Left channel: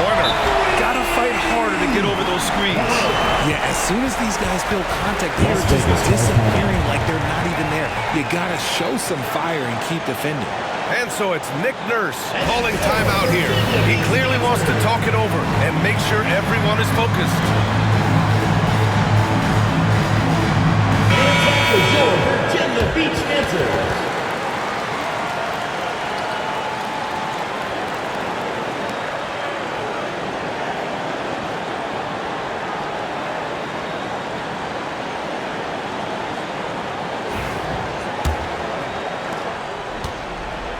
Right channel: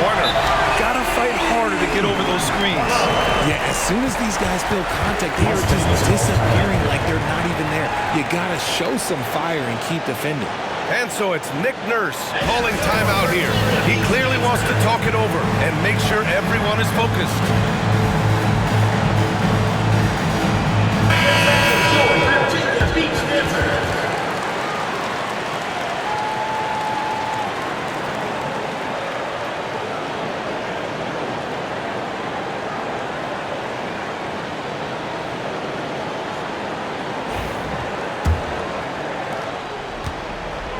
corner. Gotta fight harder to get over those screens. Yeah, as soon as these guys feel contact, they are just disappearing like they're not even there. You gotta show some fire and keep defending. And so it's Nick Nurse calling timeout here. He clearly wants to talk it over and make sure everyone is focused. Virginia Beach visitors.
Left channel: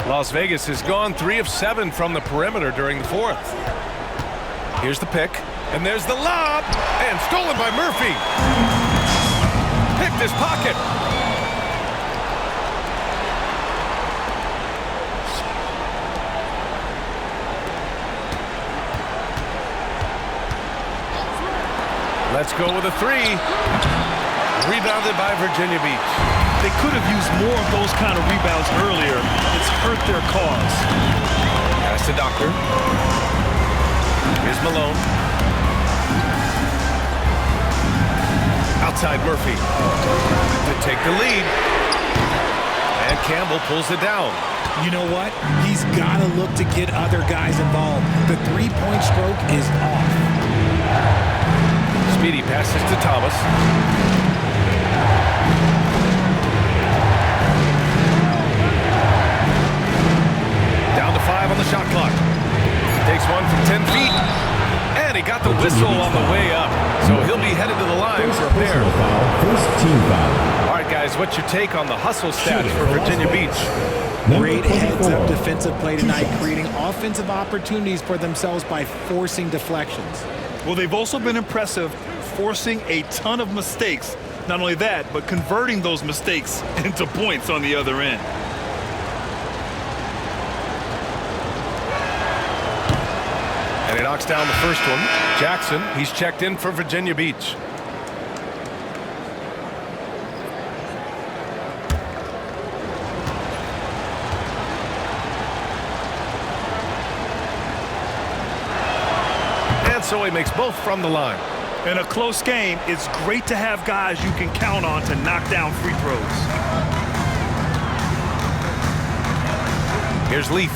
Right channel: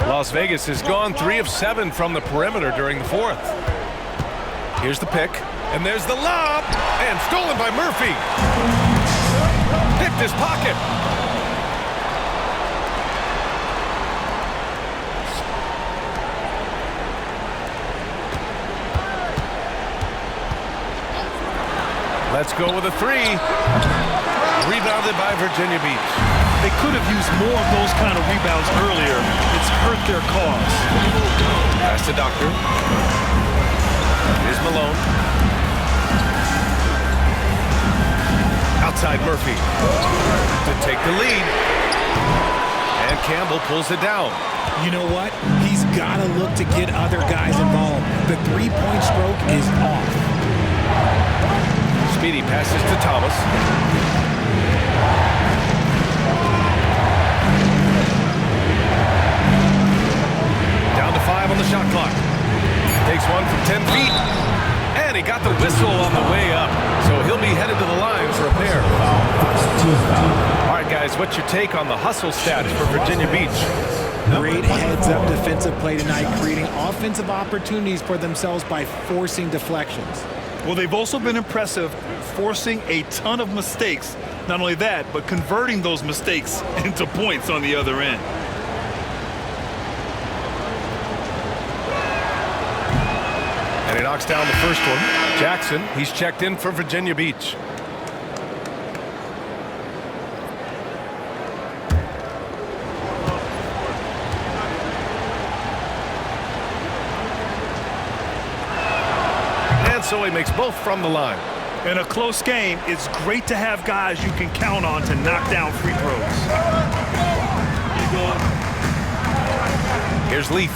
Las Vegas has gone 3 of 7 from the perimeter during the fourth. Here's the pick, and there's the lob, and stolen by Murphy. Picked his pocket. Let's go with a 3. Rebounded by Virginia Beach. They could have used more of those kind of rebounds earlier. It's hurt their cause. Pass to Doctor. Here's Malone. Outside Murphy to take the lead. And Campbell pulls it down. You know what? He's got to look to get other guys involved. The three-point stroke is off. Speedy passes to Thomas. Down to 5 on the shot clock. Takes one from 10 feet. And he got the whistle on the way up. So he'll be headed to the line for a pair. First team foul. All right, guys, what's your take on the hustle stats for Virginia Beach? Great heads-up defensive play tonight, creating offensive opportunities for themselves by forcing deflections. Well, they've also been impressive, forcing a ton of mistakes. Not only that, but converting those mistakes into points on the other end. And he knocks down the first one. Jackson, he's checked in for Virginia Beach. And so he makes both from the line. In a close game, it's great to have guys you can count on to knock down free throws. Here's Leaf.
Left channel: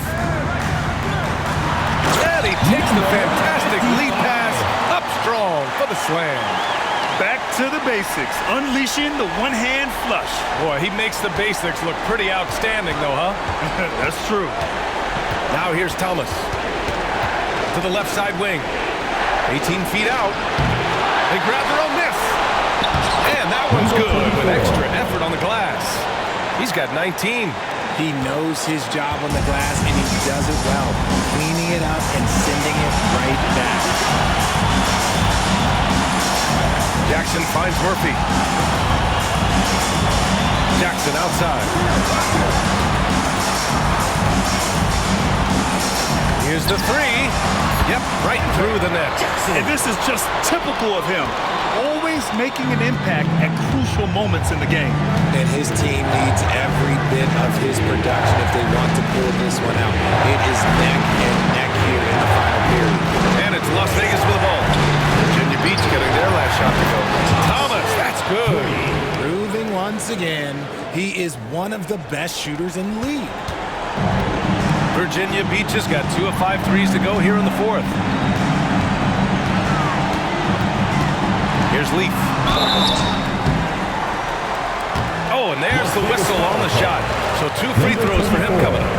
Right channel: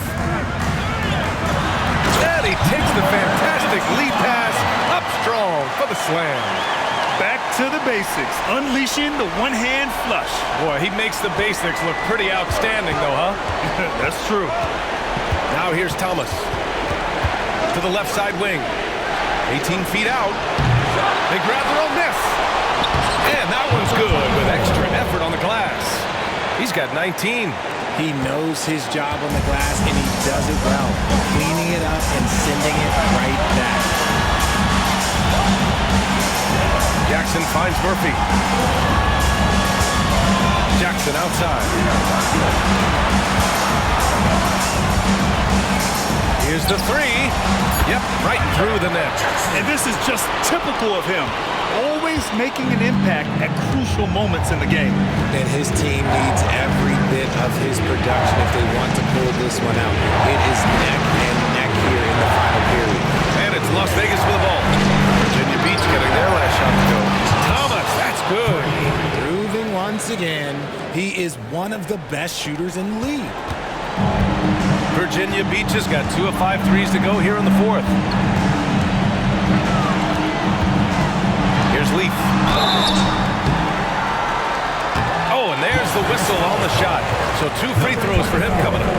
And he takes the fantastic lead pass up strong for the slam. Back to the basics, unleashing the one-hand flush. Boy, he makes the basics look pretty outstanding, though, huh? That's true. Now here's Thomas. To the left side wing. 18 feet out. They grab their own miss. And that one's good with extra effort on the glass. He's got 19. He knows his job on the glass, and he does it well, cleaning it up and sending it right back. Jackson finds Murphy. Jackson outside. Here's the 3. Yep, right through the net. And this is just typical of him. Always making an impact at crucial moments in the game. And his team needs every bit of his production if they want to pull this one out. It is neck and neck here in the final period. And it's Las Vegas with the ball. Virginia Beach getting their last shot to go. Thomas, that's good. Proving once again, he is one of the best shooters in the league. Virginia Beach has got 2 of 5 threes to go here in the fourth. Here's Leaf. Oh, and there's the whistle on the shot. So 2 free throws for him coming up.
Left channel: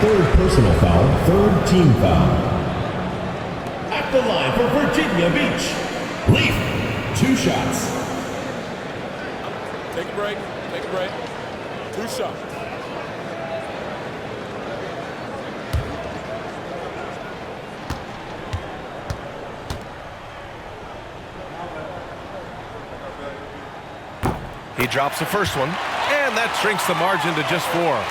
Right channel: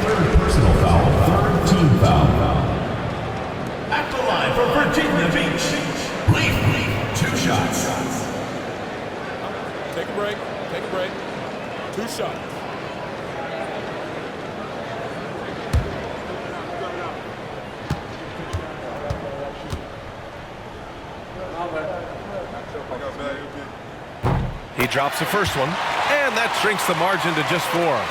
Third personal foul, third team foul. At the line for Virginia Beach, Leaf, 2 shots. Take a break. Take a break. 2 shots. He drops the first one, and that shrinks the margin to just 4.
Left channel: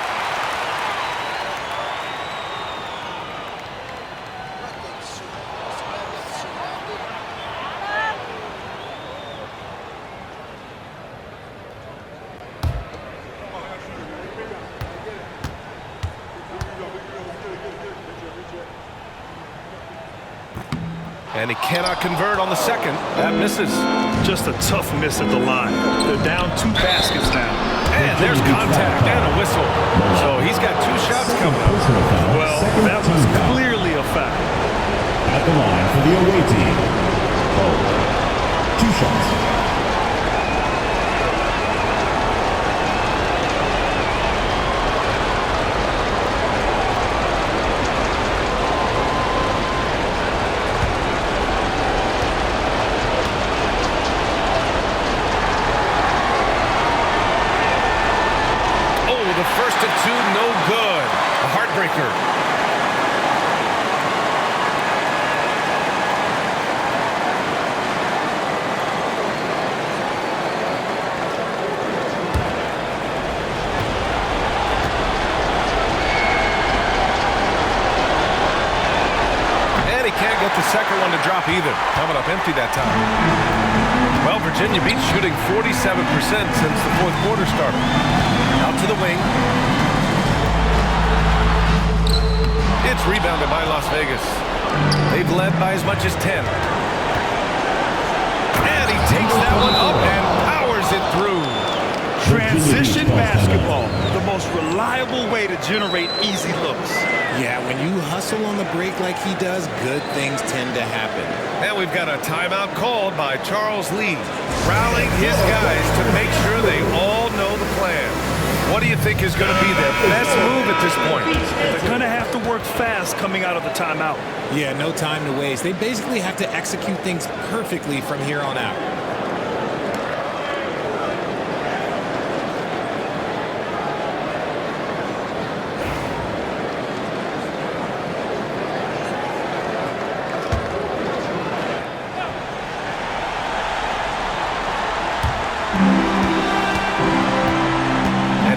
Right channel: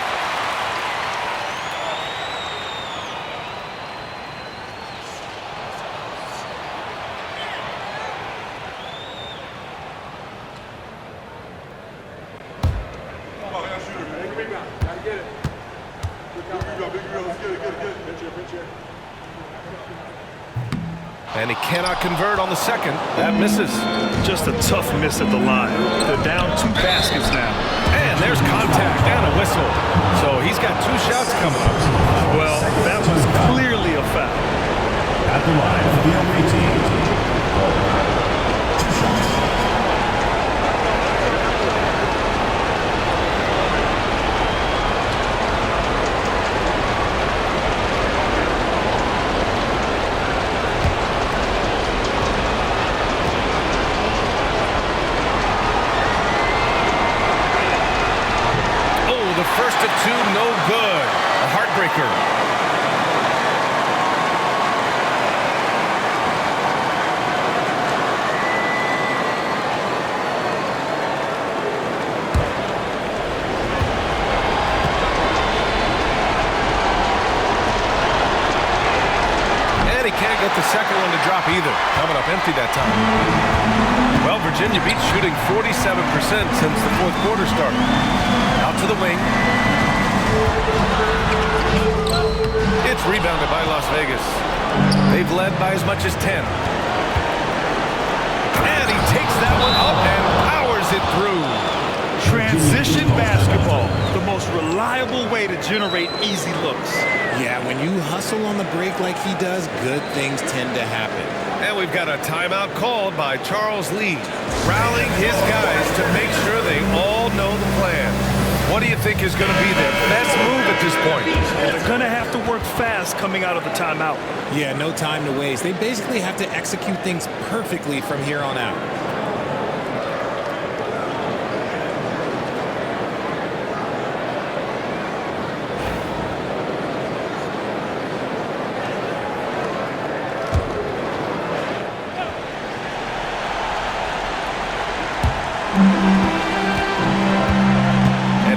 And he cannot convert on the second. That misses. Just a tough miss at the line. They're down 2 baskets now. And there's contact and a whistle. So he's got 2 shots coming up. Well, that was clearly a foul. At the line for the away team. 2 shots. The first of 2, no good. A heartbreaker. And he can't get the second one to drop either. Coming up empty that time. Well, Virginia Beach shooting 47% since the 4th quarter started. Out to the wing. It's rebounded by Las Vegas. They've led by as much as 10. And he takes that one up and powers it through. Transition basketball, the most reliable way to generate easy looks. Yeah, when you hustle on the break like he does, good things tend to happen. And we've got a timeout called by Charles Lee, rallying his guys to make sure they all know the plan. What do you think is going to be their best move at this point? They're going to have to work fast coming out of the timeout. Yeah, no time to waste. They basically have to execute things perfectly from here on out.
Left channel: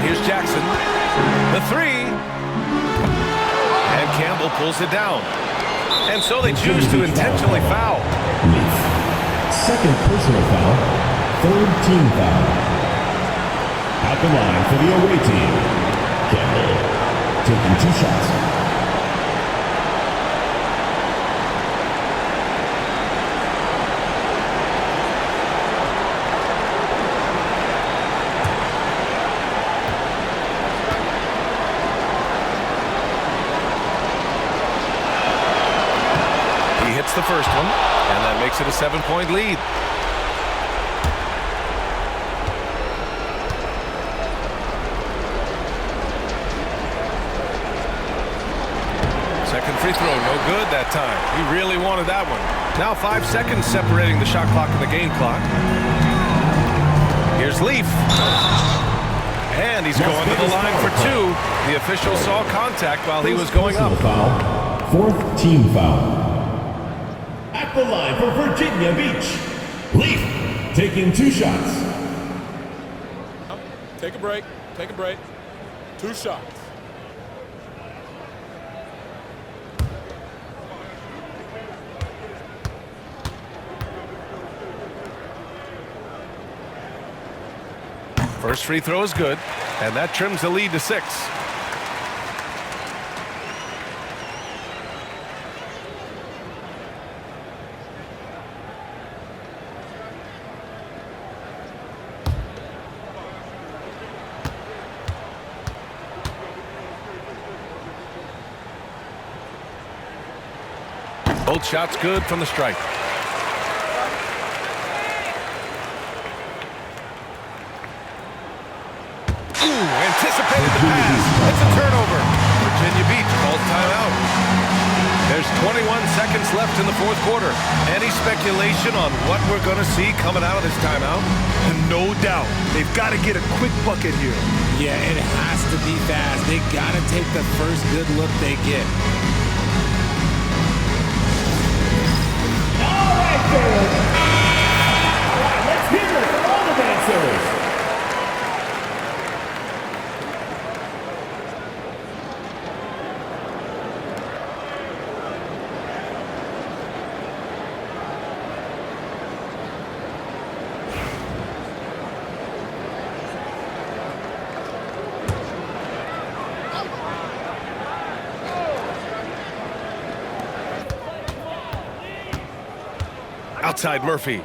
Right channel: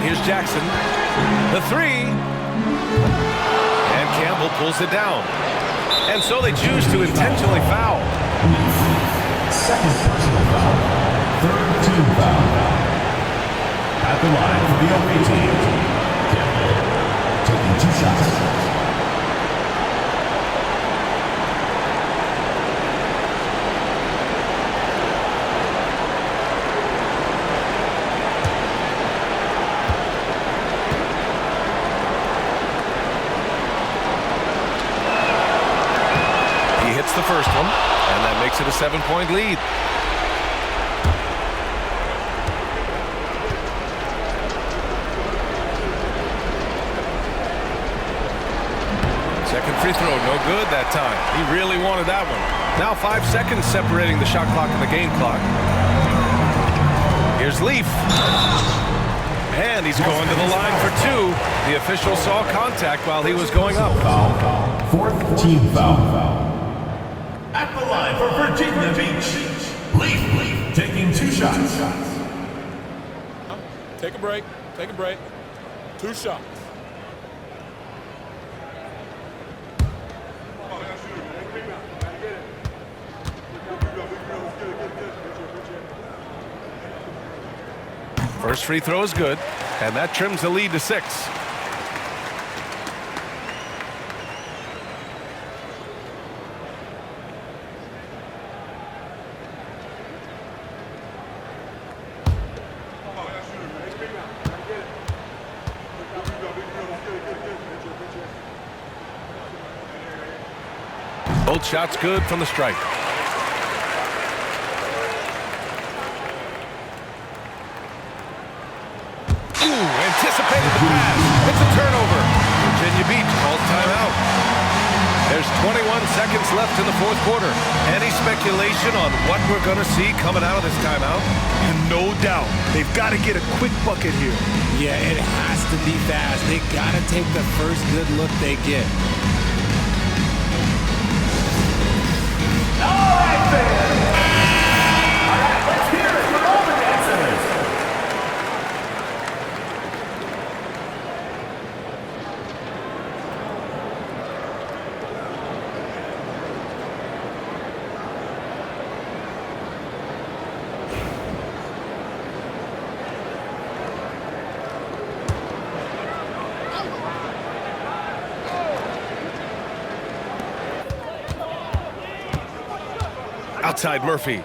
Here's Jackson, the 3, and Campbell pulls it down. And so they choose to intentionally foul. Leaf. Second personal foul, 3rd team foul. At the line for the away team, Campbell taking 2 shots. Hits the first one, and that makes it a 7-point lead. Second free throw, no good that time. He really wanted that one. Now 5 seconds separating the shot clock and the game clock. Here's Leaf. And he's going to the line for 2. The official saw contact while he was going up. Foul. 4th team foul. At the line for Virginia Beach, Leaf taking 2 shots. Take a break. Take a break. 2 shots. First free throw is good, and that trims the lead to 6. Both shots good from the stripe. Anticipated the pass. It's a turnover. Virginia Beach calls timeout. There's 21 seconds left in the 4th quarter. Any speculation on what we're going to see coming out of this timeout? And no doubt, they've got to get a quick bucket here. Yeah, it has to be fast. They got to take the first good look they get. All right, fans. All right, let's hear it from all the dancers. Outside Murphy.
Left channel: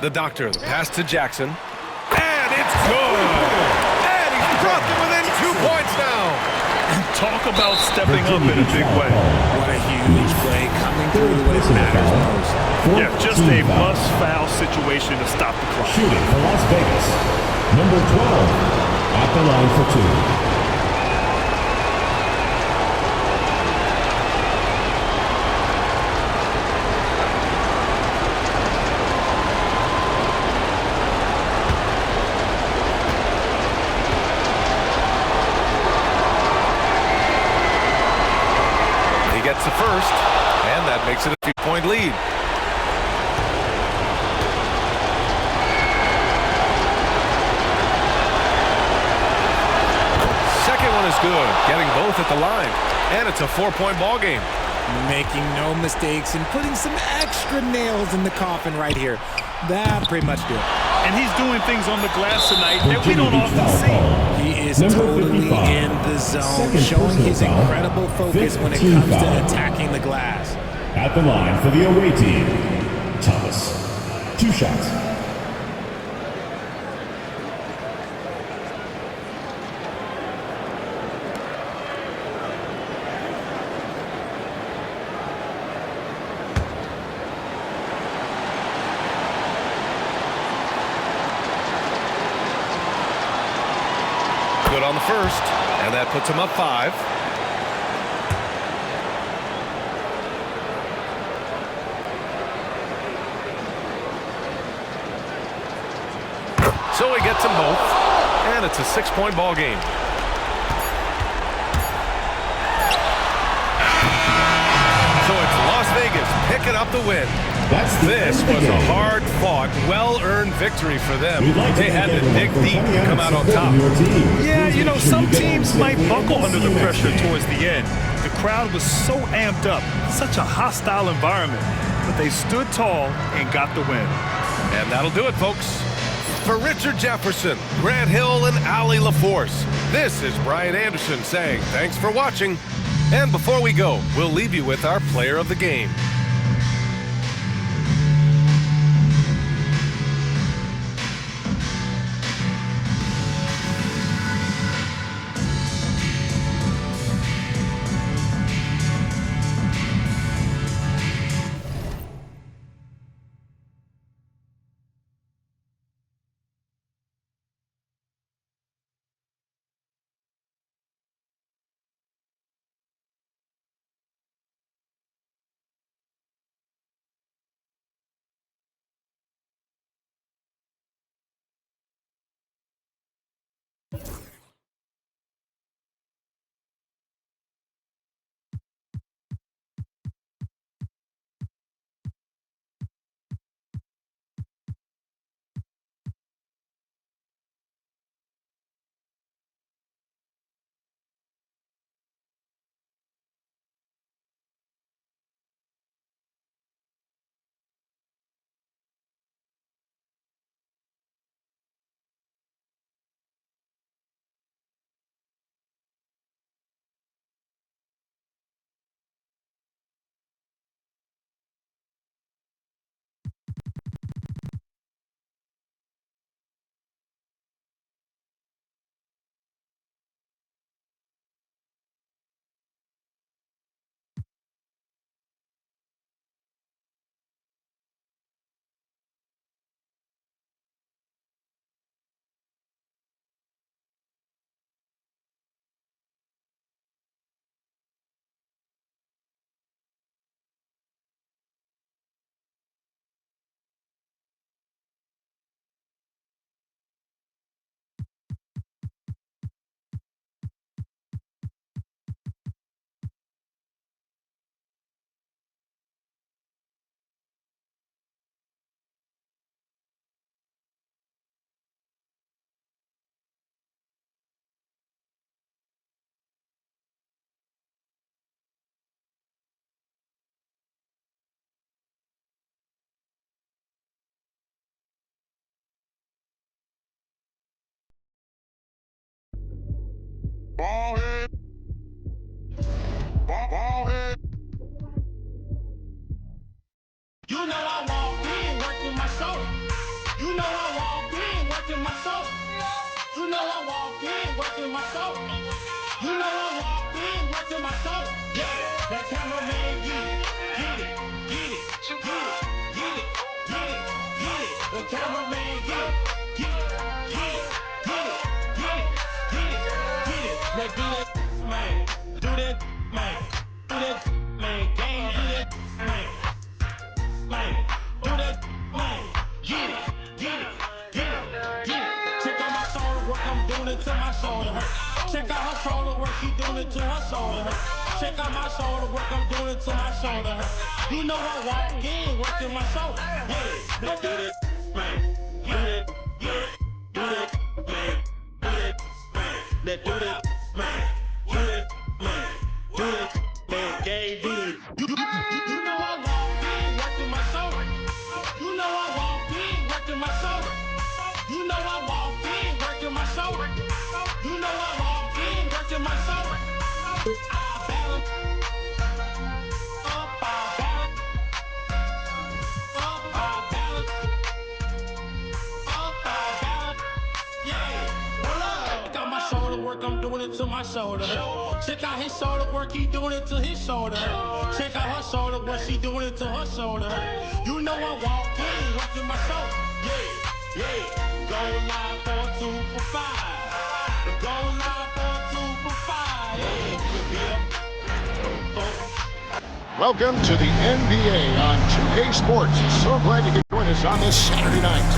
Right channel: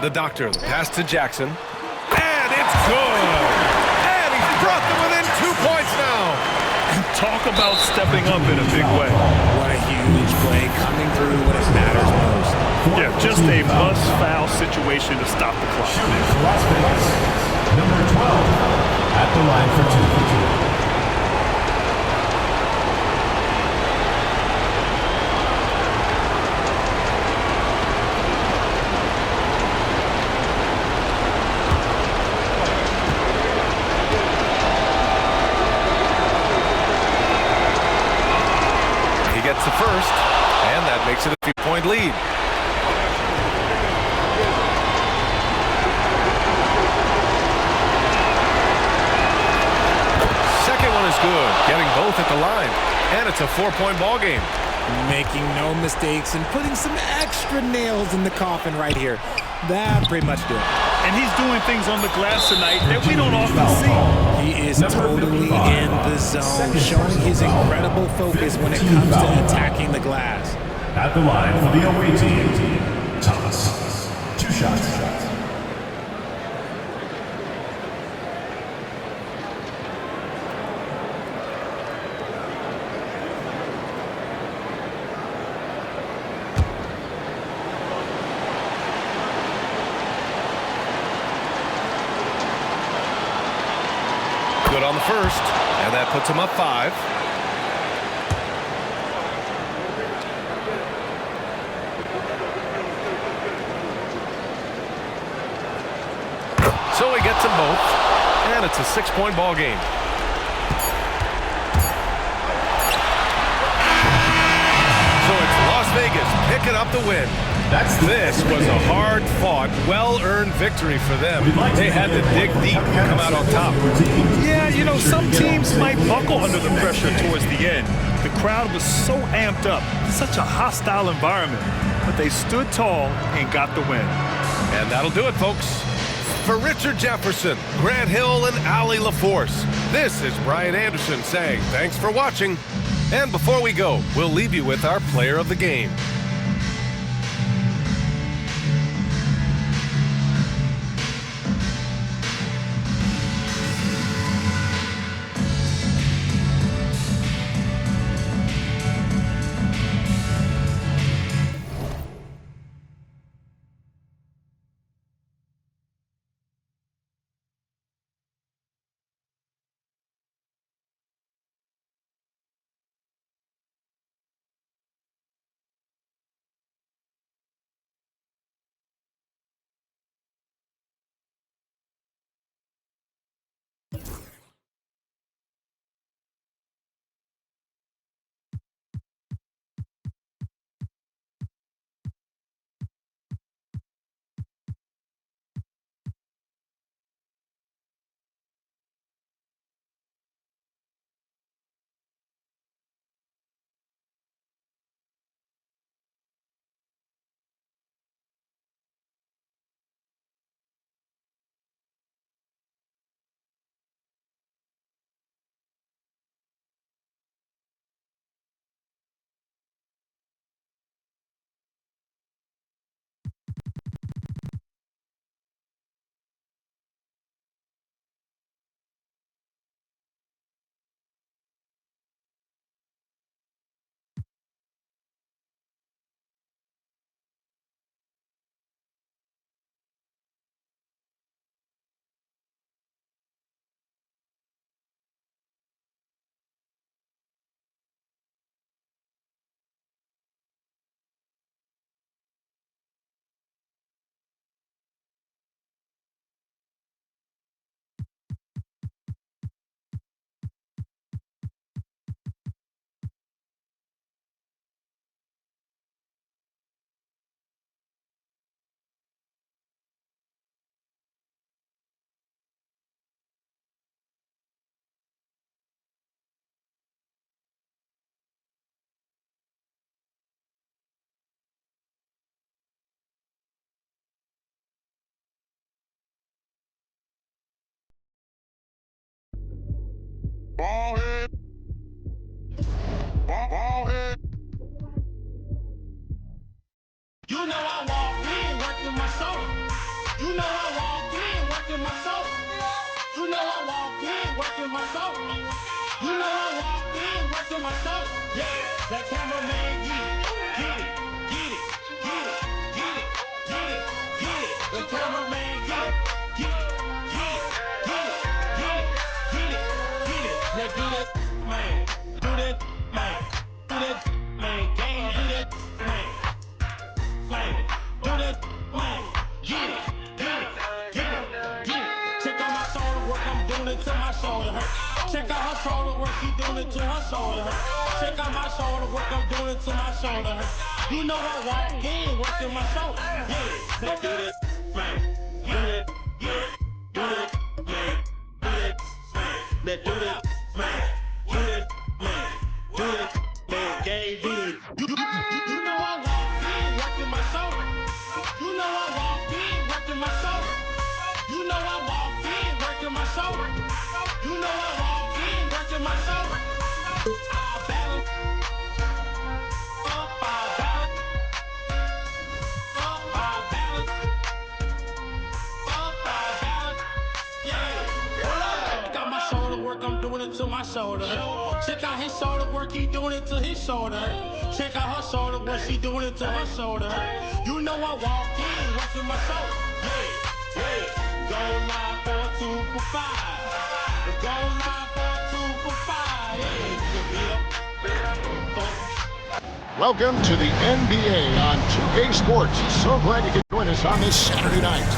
The doctor, the pass to Jackson. And it's good. And he's brought them within 2 points now. And talk about stepping up in a big way. What a huge play coming through when it matters most. Yeah, just a must-foul situation to stop the clock. Shooting for Las Vegas, number 12, at the line for 2. He gets the first, and that makes it a 3-point lead. Second one is good, getting both at the line, and it's a 4-point ball game. Making no mistakes and putting some extra nails in the coffin right here. That pretty much do it. And he's doing things on the glass tonight that we don't often see. He is totally in the zone, showing his incredible focus when it comes to attacking the glass. At the line for the away team, Thomas. 2 shots. Good on the first, and that puts him up 5. So he gets them both, and it's a 6-point ball game. So it's Las Vegas picking up the win. This was a hard-fought, well-earned victory for them. They had to dig deep to come out on top. Yeah, you know, some teams might buckle under the pressure towards the end. The crowd was so amped up, such a hostile environment, but they stood tall and got the win. And that'll do it, folks. For Richard Jefferson, Grant Hill, and Allie LaForce, this is Brian Anderson saying thanks for watching. And before we go, we'll leave you with our player of the game. Ball head. Ball head. You know I walk in working my soul. You know I walk in working my soul. You know I walk in working my soul. You know I walk in working my soul. Yeah, that cameraman get it, get it, get it, get it, get it, get it, get it. The cameraman get it, get it, get it, get it, get it, get it, get it. Now do that, man. Do that, man. Do that, man. Gang, do that, man. Man, do that, man. Get it, get it, get it, get it. Check out my shoulder work, I'm doing it till my shoulder hurt. Check out her shoulder work, she doing it till her shoulder hurt. Check out my shoulder work, I'm doing it till my shoulder hurt. You know I walk in, working my shoulder. Yeah, let's do this, man. Do that, yeah. Do that, man. Do that, man. Let's do that, man. Do that, man. Do that, man. Gang, do it. You know I walk in, working my shoulder. You know I walk in, working my shoulder. You know I walk in, working my shoulder. You know I walk in, working my shoulder. I balance, up, I balance, up, I balance, up, I balance. Yeah, hold up. Check out my shoulder work, I'm doing it to my shoulder. Check out his shoulder work, he doing it to his shoulder. Check out her shoulder work, she doing it to her shoulder. You know I walk in, working my shoulder. Yeah, yeah. Go live for 2 for 5. Go live for 2 for 5. Yeah. Welcome to the NBA on 2K Sports. So glad you could join us on this Saturday night.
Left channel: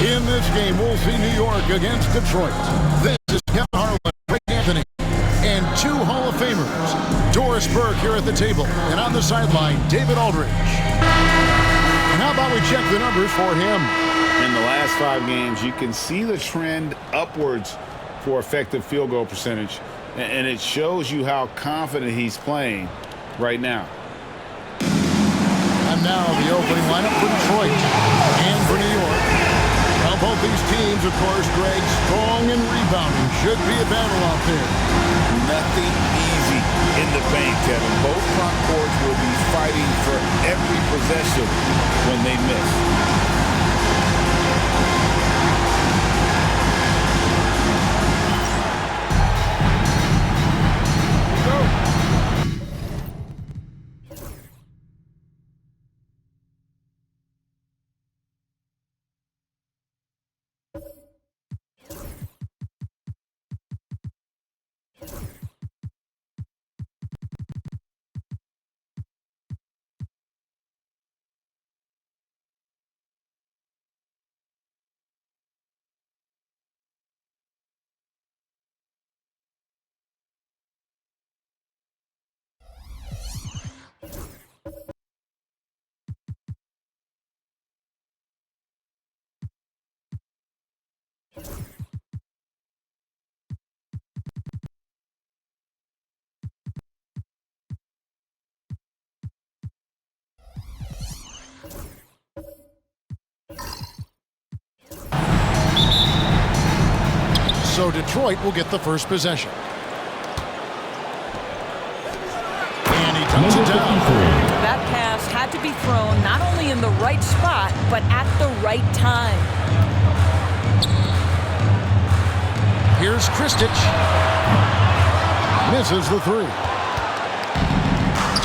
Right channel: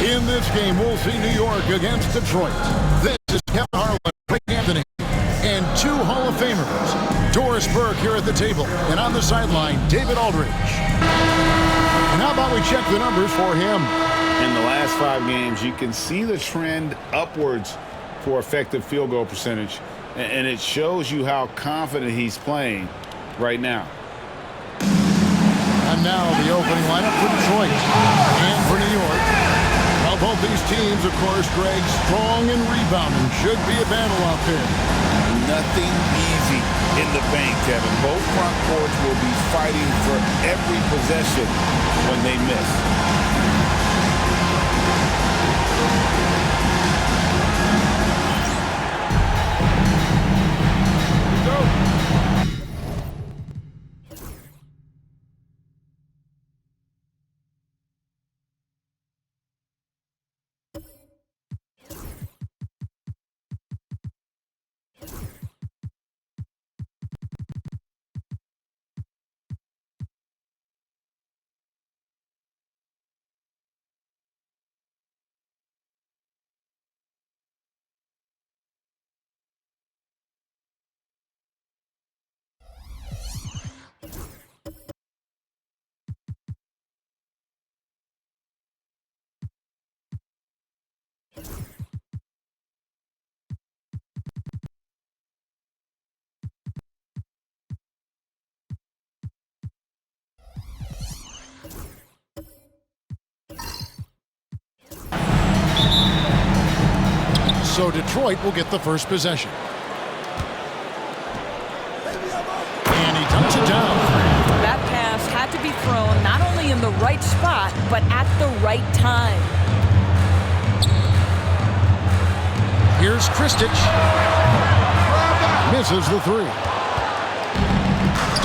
In this game, we'll see New York against Detroit. This is Kevin Harlan, Craig Anthony, and 2 Hall of Famers. Doris Burke here at the table, and on the sideline, David Aldridge. And how about we check the numbers for him? In the last 5 games, you can see the trend upwards for effective field goal percentage, and it shows you how confident he's playing right now. And now the opening lineup for Detroit and for New York. Well, both these teams, of course, Greg, strong and rebounding. Should be a battle out there. Nothing easy in the paint, Kevin. Both front courts will be fighting for every possession when they miss. So Detroit will get the first possession. And he dumps it down. That pass had to be thrown not only in the right spot, but at the right time. Here's Kristich. Misses the 3.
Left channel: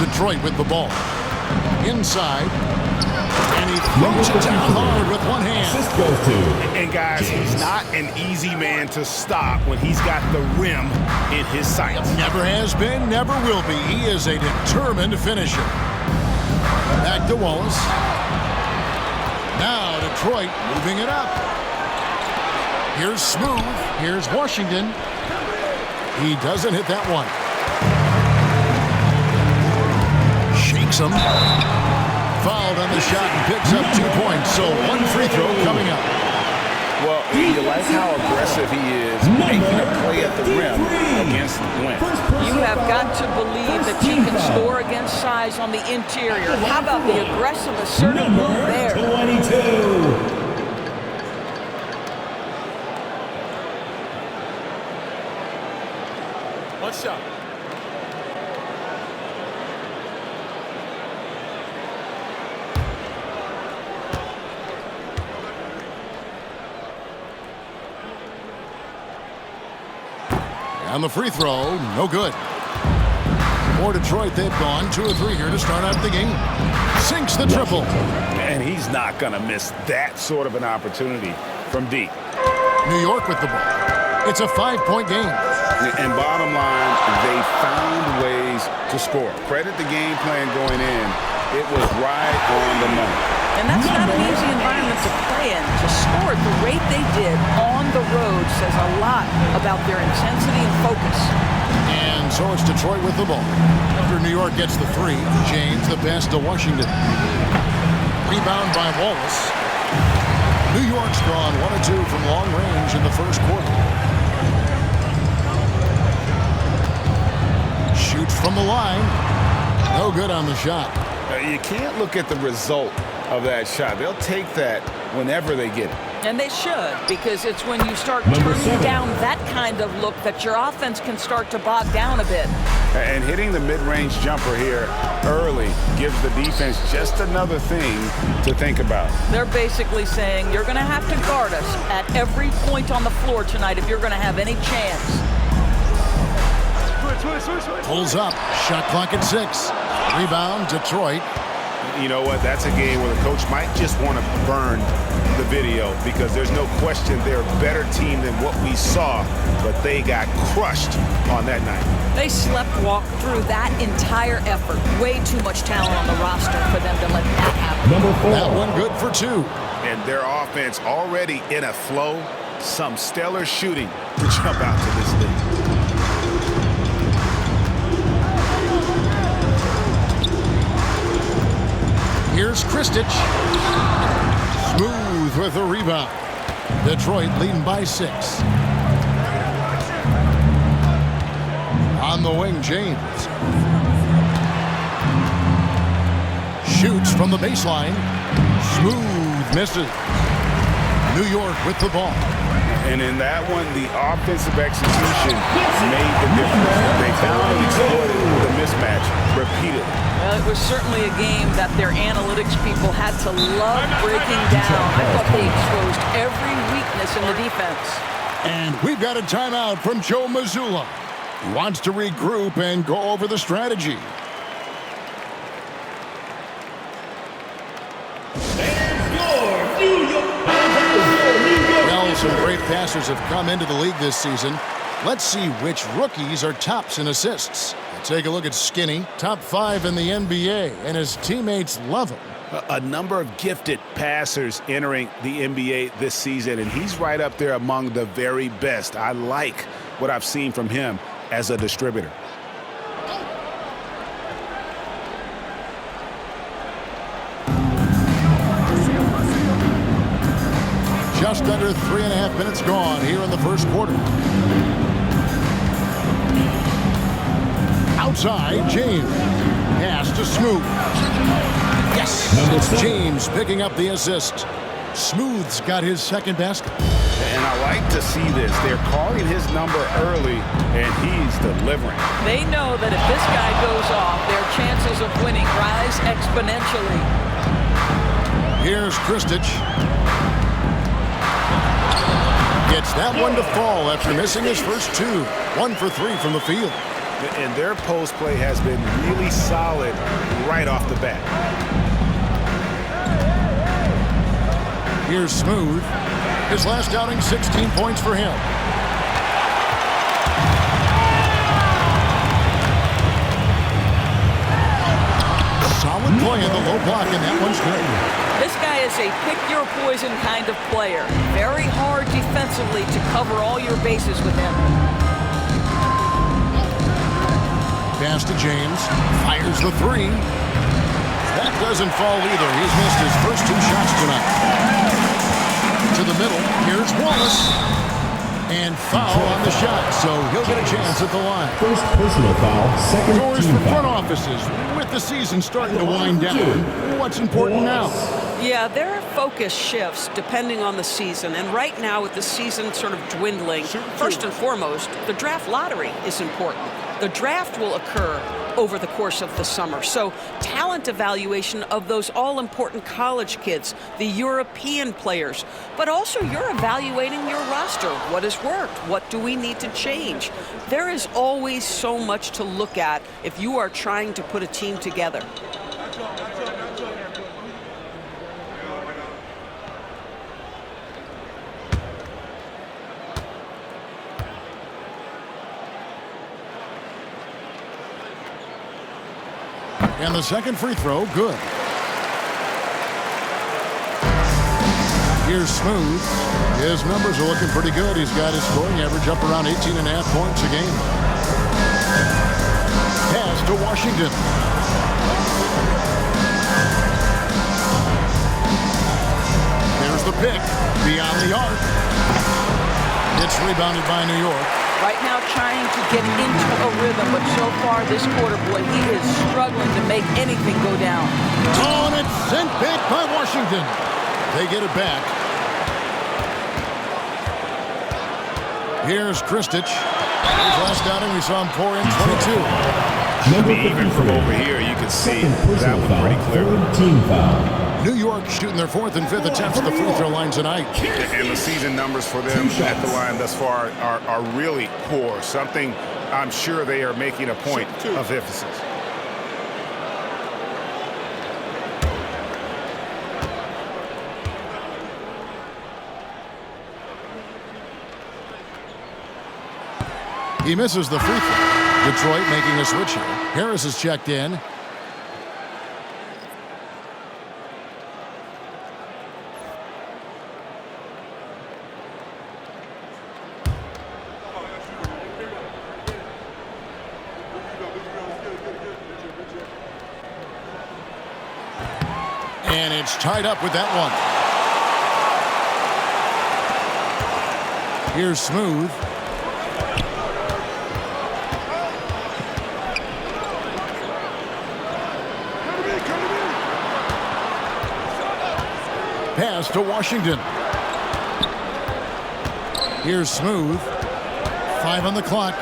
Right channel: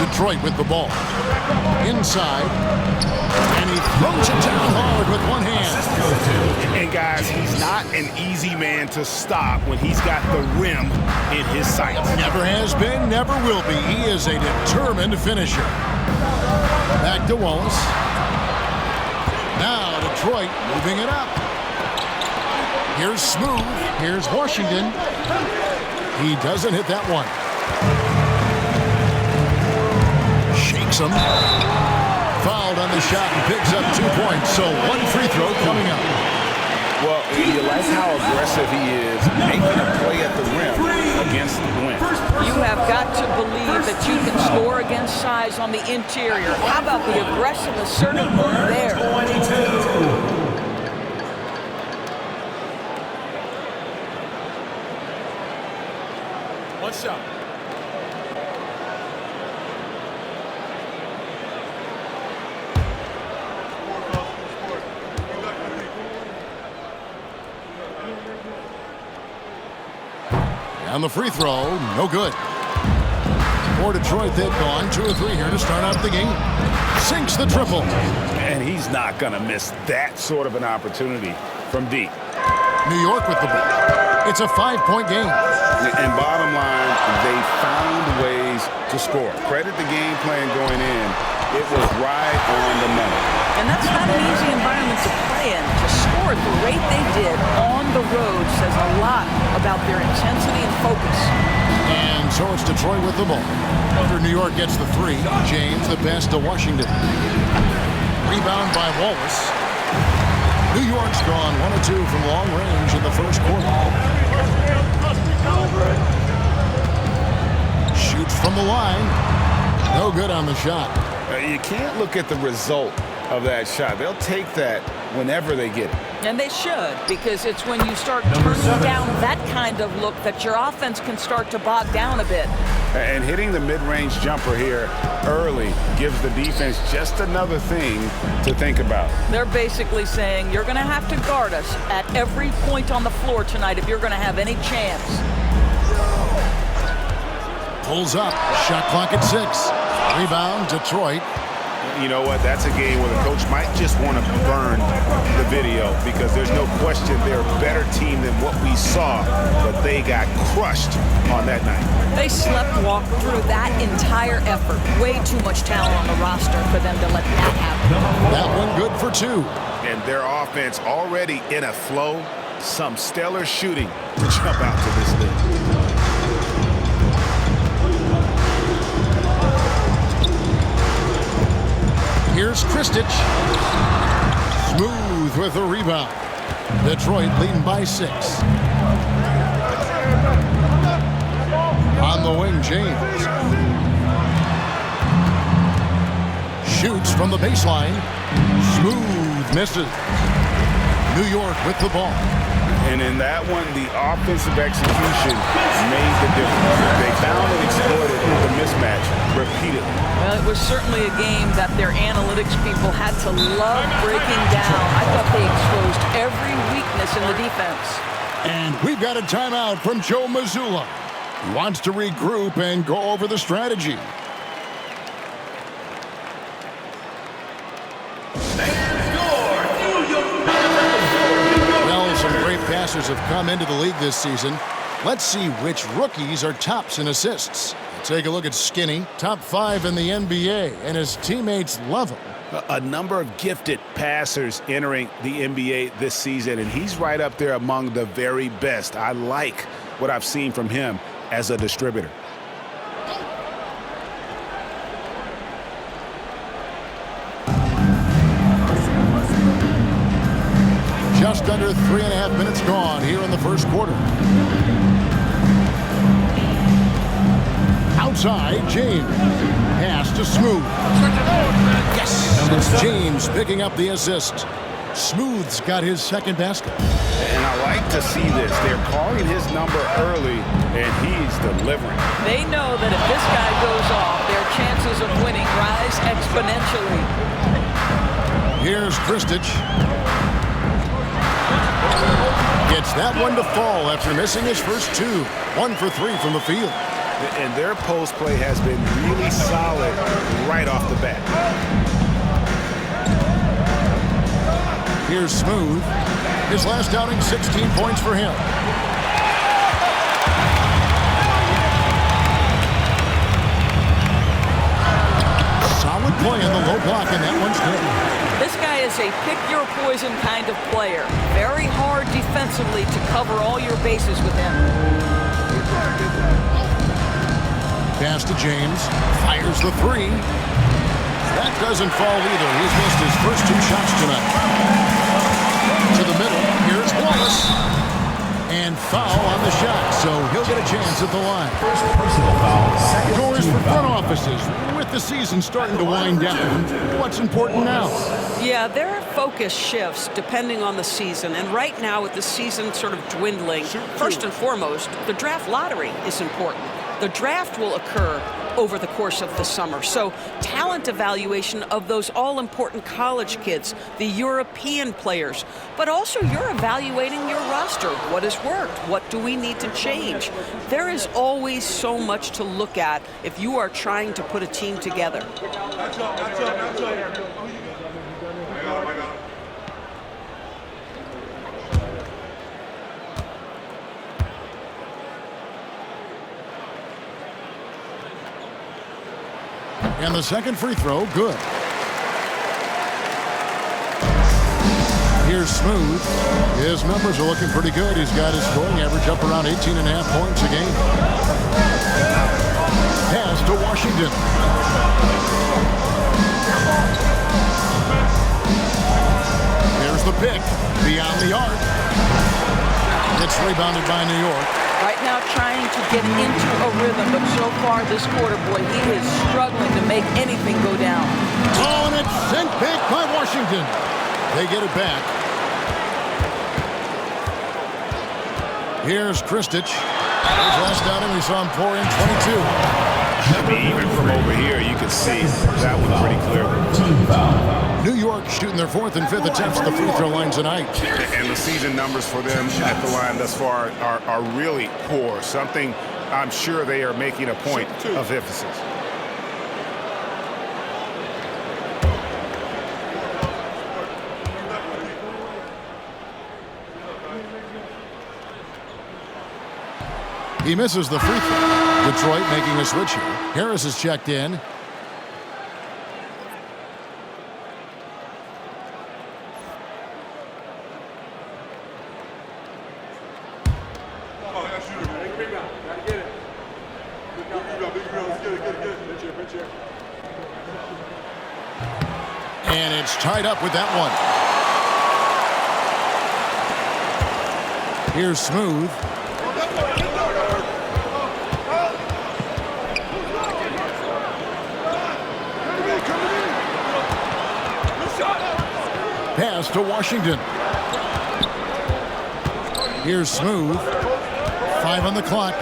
Detroit with the ball. Inside. And he throws it down hard with one hand. And guys, he's not an easy man to stop when he's got the rim in his sights. Never has been, never will be. He is a determined finisher. Back to Wallace. Now Detroit moving it up. Here's Smooth. Here's Washington. He doesn't hit that one. Shakes him. Fouled on the shot and picks up 2 points. So 1 free throw coming up. Well, you like how aggressive he is, making a play at the rim against Wentz. You have got to believe that you can score against size on the interior. How about the aggressive, assertive move there? 22. One shot. On the free throw, no good. For Detroit, they've gone 2 of 3 here to start out the game. Sinks the triple. And he's not going to miss that sort of an opportunity from deep. New York with the ball. It's a 5-point game. And bottom line, they found ways to score. Credit the game plan going in. It was right on the money. And that's not an easy environment to play in. To score at the rate they did on the road says a lot about their intensity and focus. And so it's Detroit with the ball. After New York gets the 3, James the pass to Washington. Rebound by Wallace. New York's gone 1 of 2 from long range in the first quarter. Shoots from the line. No good on the shot. You can't look at the result of that shot. They'll take that whenever they get it. And they should, because it's when you start turning down that kind of look that your offense can start to bog down a bit. And hitting the mid-range jumper here early gives the defense just another thing to think about. They're basically saying you're going to have to guard us at every point on the floor tonight if you're going to have any chance. Pulls up. Shot clock at 6. Rebound, Detroit. You know what? That's a game where the coach might just want to burn the video because there's no question they're a better team than what we saw, but they got crushed on that night. They slept-walked through that entire effort. Way too much talent on the roster for them to let that happen. That one good for 2. And their offense already in a flow. Some stellar shooting to jump out to this league. Here's Kristich. Smooth with a rebound. Detroit leading by 6. On the wing, James. Shoots from the baseline. Smooth misses. New York with the ball. And in that one, the offensive execution made the difference. They found and exploited the mismatch repeatedly. Well, it was certainly a game that their analytics people had to love breaking down. I thought they exposed every weakness in the defense. And we've got a timeout from Joe Mazzulla. He wants to regroup and go over the strategy. Well, some great passers have come into the league this season. Let's see which rookies are tops in assists. Take a look at Skinny, top 5 in the NBA, and his teammates love him. A number of gifted passers entering the NBA this season, and he's right up there among the very best. I like what I've seen from him as a distributor. Just under 3.5 minutes gone here in the first quarter. Outside, James. Pass to Smooth. Yes, it's James picking up the assist. Smooth's got his second basket. And I like to see this. They're calling his number early, and he's delivering. They know that if this guy goes off, their chances of winning rise exponentially. Here's Kristich. Gets that one to fall after missing his first 2. 1 for 3 from the field. And their post play has been really solid right off the bat. Here's Smooth. His last outing, 16 points for him. Solid play in the low block, and that one's good. This guy is a pick-your-poison kind of player. Very hard defensively to cover all your bases with him. Pass to James. Fires the 3. That doesn't fall either. He's missed his first 2 shots tonight. To the middle. Here's Wallace. And foul on the shot, so he'll get a chance at the line. First personal foul, second Scores team for front foul. offices. With the season starting to wind down, what's important now? Yeah, their focus shifts depending on the season. And right now, with the season sort of dwindling, first and foremost, the draft lottery is important. The draft will occur over the course of the summer. So talent evaluation of those all-important college kids, the European players, but also you're evaluating your roster. What has worked? What do we need to change? There is always so much to look at if you are trying to put a team together. And the second free throw, good. Here's Smooth. His numbers are looking pretty good. He's got his scoring average up around 18.5 points a game. Pass to Washington. There's the pick. Beyond the arc. It's rebounded by New York. Right now trying to get into a rhythm, but so far this quarter, boy, he is struggling to make anything go down. Oh, and it's sent back by Washington. They get it back. Here's Kristich. His last outing, we saw him pour in 22. I mean, even from over here, you can see that one pretty clearly. Team foul. New York shooting their fourth and fifth attempts at the free throw line tonight. And the season numbers for them at the line thus far are really poor. Something I'm sure they are making a point of emphasis. He misses the free throw. Detroit making a switch here. Harris is checked in. And it's tied up with that one. Here's Smooth. Pass to Washington. Here's Smooth. 5 on the clock.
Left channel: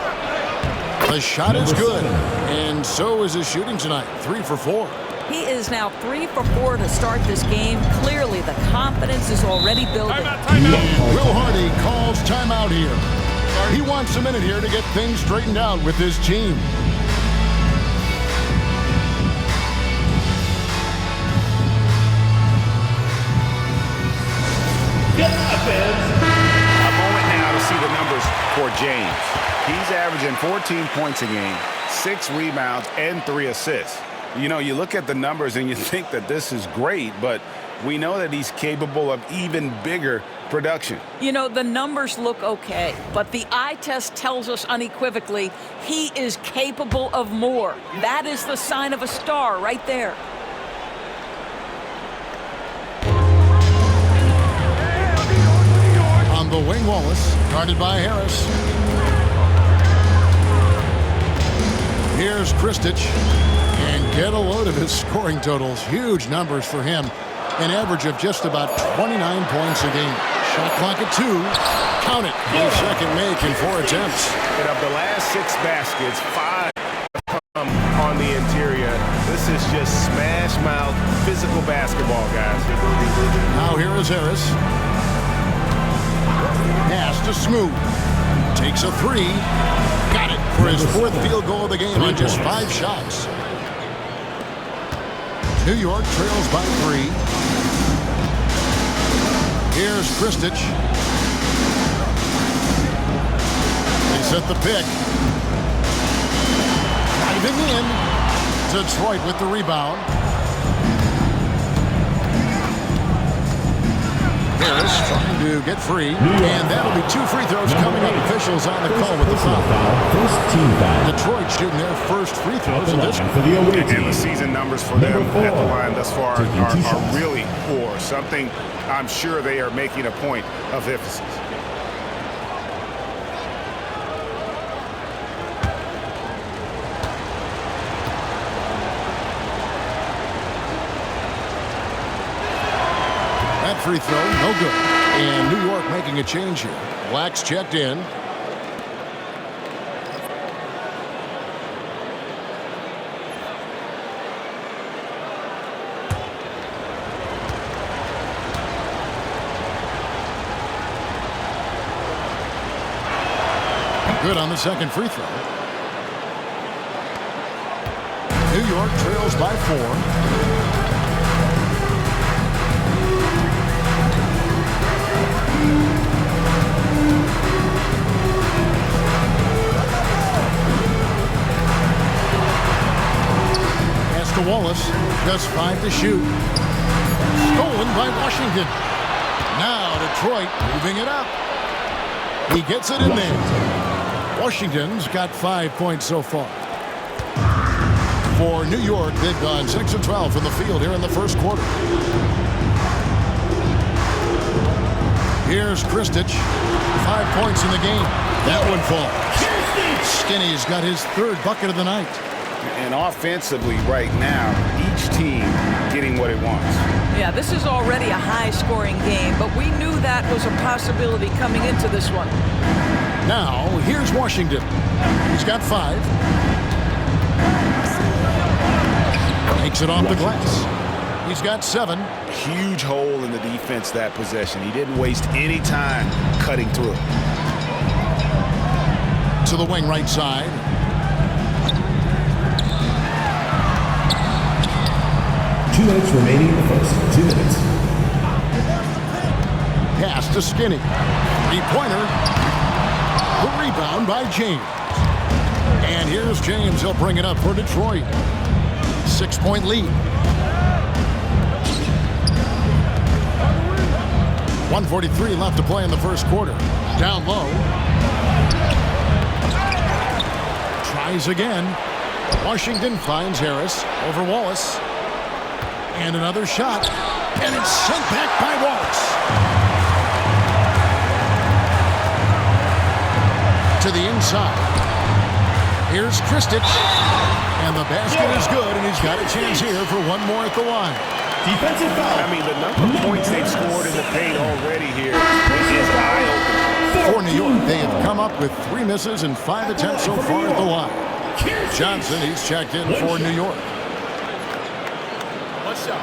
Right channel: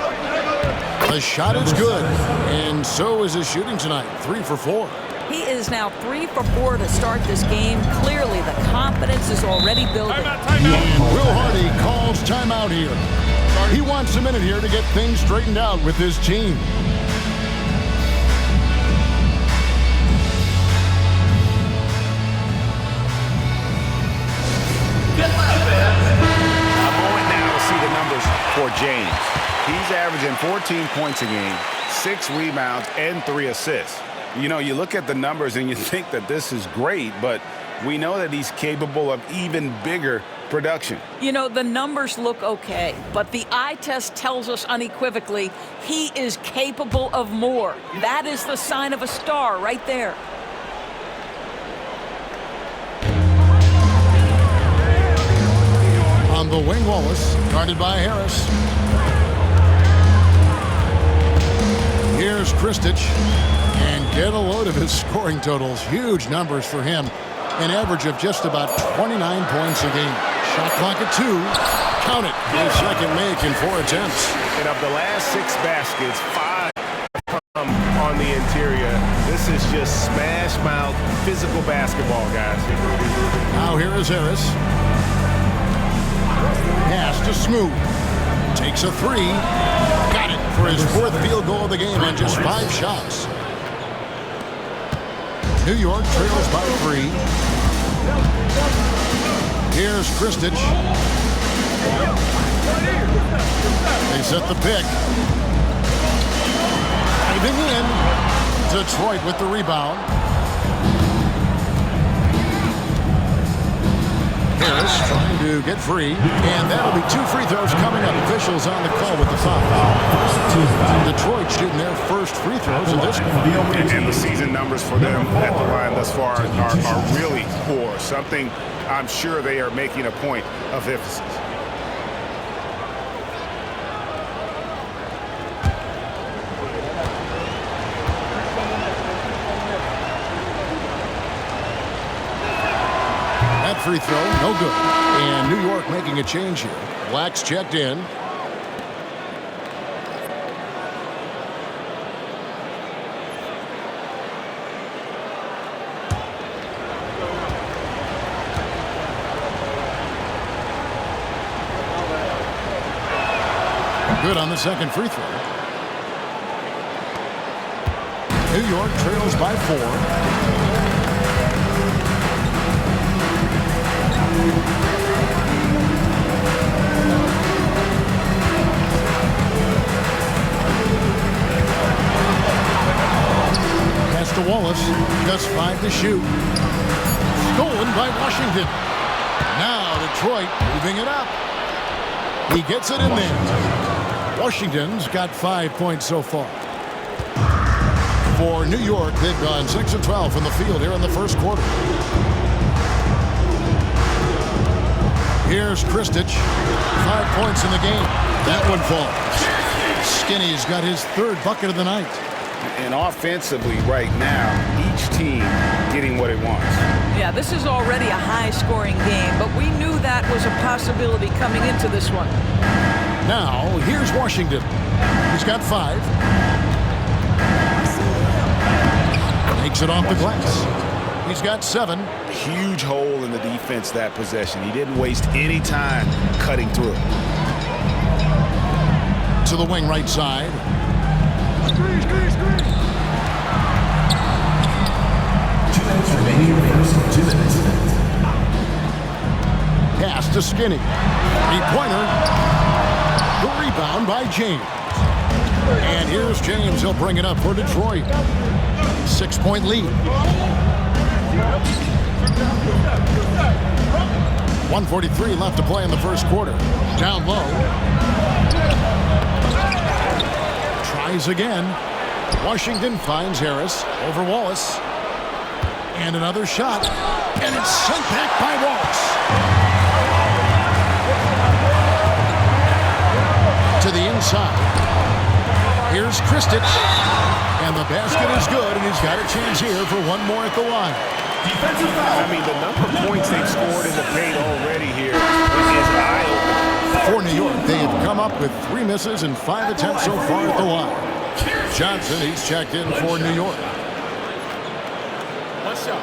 The shot is good. And so is his shooting tonight. 3 for 4. He is now 3 for 4 to start this game. Clearly, the confidence is already building. And Will Hardy calls timeout here. He wants a minute here to get things straightened out with his team. A moment now to see the numbers for James. He's averaging 14 points a game, 6 rebounds, and 3 assists. You know, you look at the numbers and you think that this is great, but we know that he's capable of even bigger production. You know, the numbers look okay, but the eye test tells us unequivocally he is capable of more. That is the sign of a star right there. On the wing, Wallace, guarded by Harris. Here's Kristich. And get a load of his scoring totals. Huge numbers for him. An average of just about 29 points a game. Shot clock at 2. Count it. His second make in 4 attempts. And of the last 6 baskets, 5 come on the interior. This is just smash mouth physical basketball, guys. Now here is Harris. Pass to Smooth. Takes a 3. Got it for his 4th field goal of the game on just 5 shots. New York trails by 3. Here's Kristich. They set the pick. Diving in. Detroit with the rebound. Harris trying to get free. And that'll be 2 free throws coming up. Officials on the call with the foul. First team foul. Detroit shooting their first free throws in this For the away team. And the season numbers for them at the line thus far are really poor. Something I'm sure they are making a point of emphasis. That free throw, no good. And New York making a change here. Black's checked in. Good on the second free throw. New York trails by 4. Pass to Wallace. Just 5 to shoot. Stolen by Washington. Now Detroit moving it up. He gets it in there. Washington's got 5 points so far. For New York, they've gone 6 of 12 from the field here in the first quarter. Here's Kristich. 5 points in the game. That one falls. Skinny's got his 3rd bucket of the night. And offensively right now, each team getting what it wants. Yeah, this is already a high-scoring game, but we knew that was a possibility coming into this one. Now, here's Washington. He's got 5. Makes it off the glass. He's got 7. Huge hole in the defense that possession. He didn't waste any time cutting through. To the wing right side. Two minutes remaining in the first. 2 minutes. Pass to Skinny. 3-pointer. The rebound by James. And here's James. He'll bring it up for Detroit. 6-point lead. 1:43 left to play in the first quarter. Down low. Tries again. Washington finds Harris over Wallace. And another shot. And it's sent back by Wallace. To the inside. Here's Kristich. And the basket is good, and he's got a chance here for one more at the line. Defensive foul. I mean, the number of points they've scored in the paint already here is eye-opening. For New York, they have come up with 3 misses and 5 attempts so far at the line. Johnson, he's checked in for New York. One shot.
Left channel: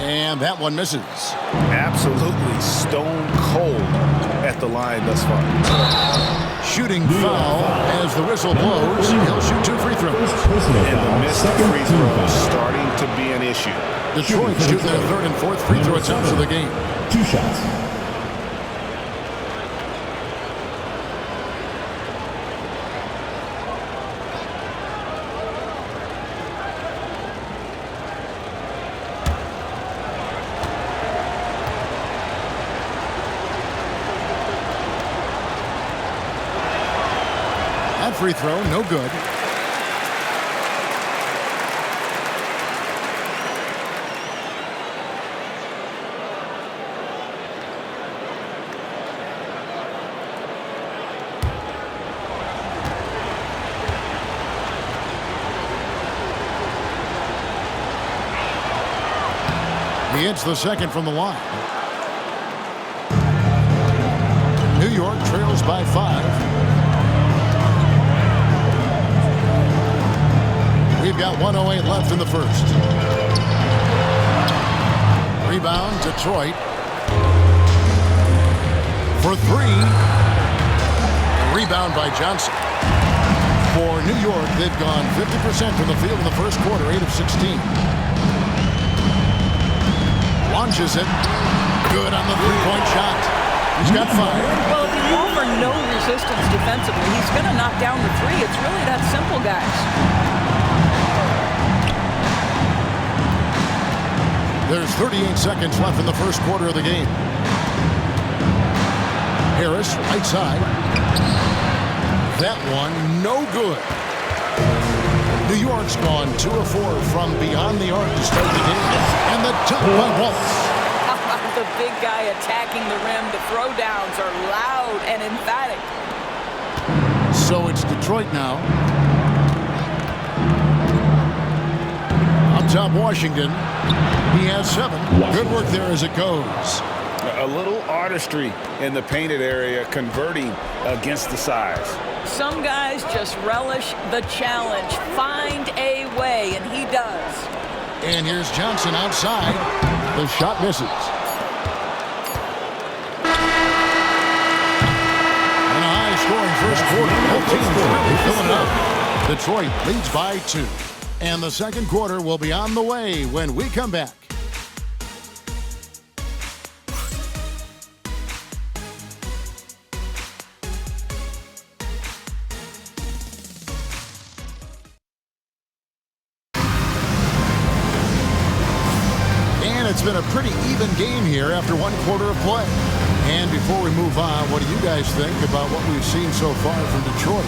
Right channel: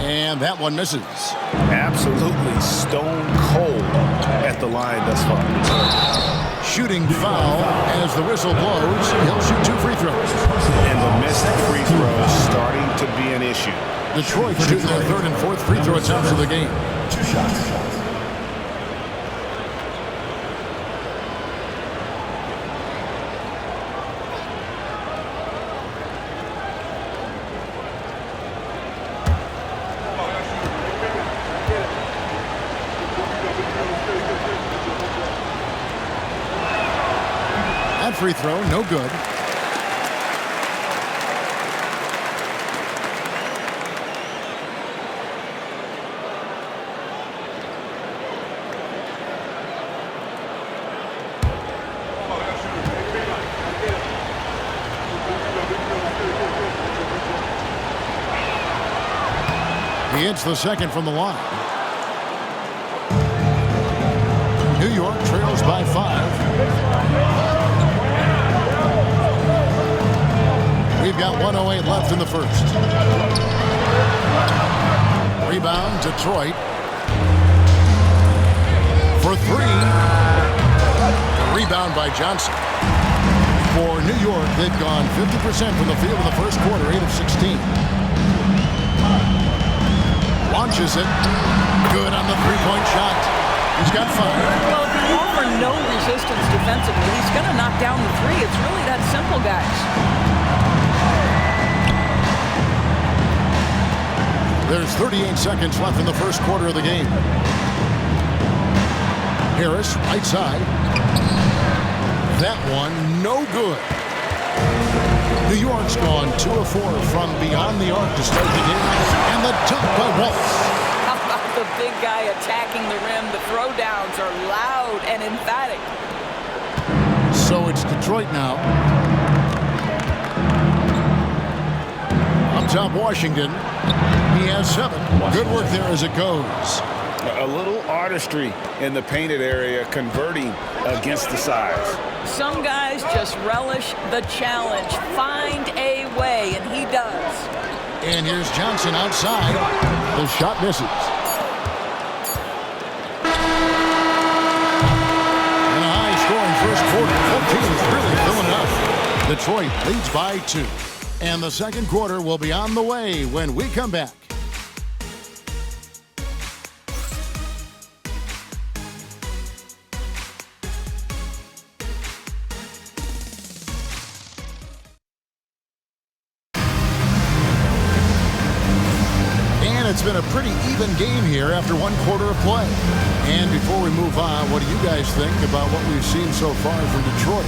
And that one misses. Absolutely stone cold at the line thus far. Shooting foul as the whistle blows. He'll shoot 2 free throws. And the missed free throws starting to be an issue. Detroit shooting their 3rd and 4th free throw attempts of the game. 2 shots. That free throw, no good. He hits the second from the line. New York trails by 5. We've got 1:08 left in the first. Rebound, Detroit. For 3. The rebound by Johnson. For New York, they've gone 50% from the field in the first quarter, 8 of 16. Launches it. Good on the 3-point shot. He's got 5. Well, if you offer no resistance defensively, he's going to knock down the 3. It's really that simple, guys. There's 38 seconds left in the first quarter of the game. Harris, right side. That one, no good. New York's gone 2 of 4 from beyond the arc to start the game. And the dunk by Wallace. How about the big guy attacking the rim? The throwdowns are loud and emphatic. So it's Detroit now. Up top, Washington. He has 7. Good work there as it goes. A little artistry in the painted area, converting against the size. Some guys just relish the challenge. Find a way, and he does. And here's Johnson outside. The shot misses. And a high-scoring first quarter. Both teams really filling it up. Detroit leads by 2. And the second quarter will be on the way when we come back. It's been a pretty even game here after one quarter of play. And before we move on, what do you guys think about what we've seen so far from Detroit?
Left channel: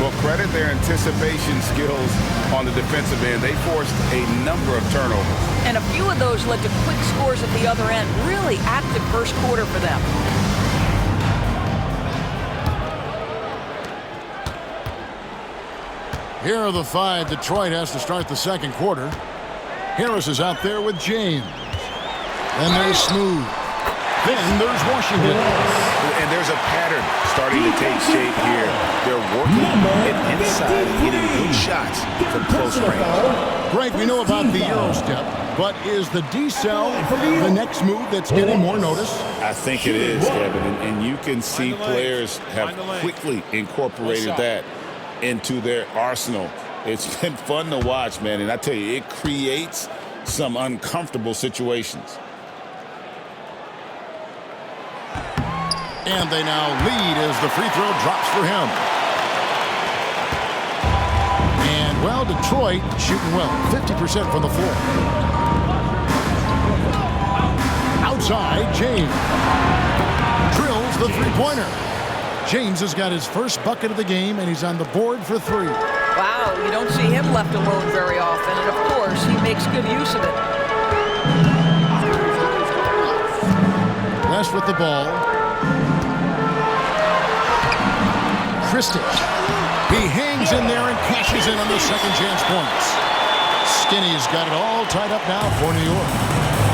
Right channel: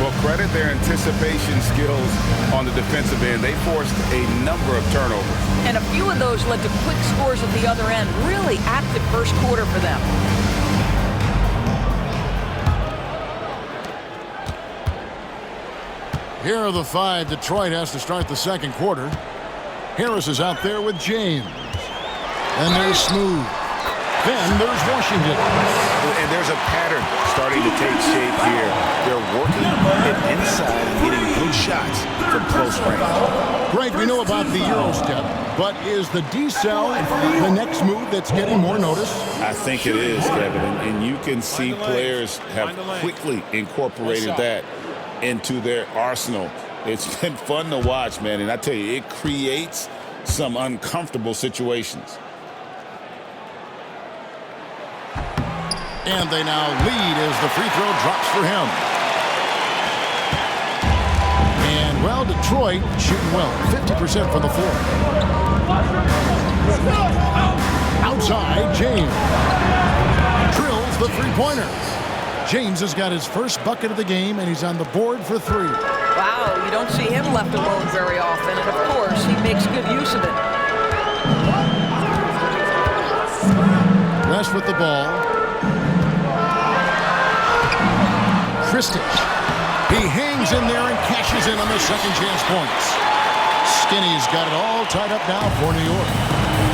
Well, credit their anticipation skills on the defensive end. They forced a number of turnovers. And a few of those led to quick scores at the other end. Really active first quarter for them. Here are the 5 Detroit has to start the second quarter. Harris is out there with James. Then there's Smooth. Then there's Washington. And there's a pattern starting to take shape here. They're working it inside and getting good shots from close range. Greg, we know about the Euro step, but is the D-cell the next move that's getting more notice? I think it is, Kevin. And you can see players have quickly incorporated that into their arsenal. It's been fun to watch, man. And I tell you, it creates some uncomfortable situations. And they now lead as the free throw drops for him. And, well, Detroit shooting well, 50% from the floor. Outside, James drills the three-pointer. James has got his first bucket of the game, and he's on the board for 3. Wow, you don't see him left alone very often, and of course, he makes good use of it. West with the ball. Kristic. He hangs in there and cashes in on the second chance points. Skinny's got it all tied up now for New York.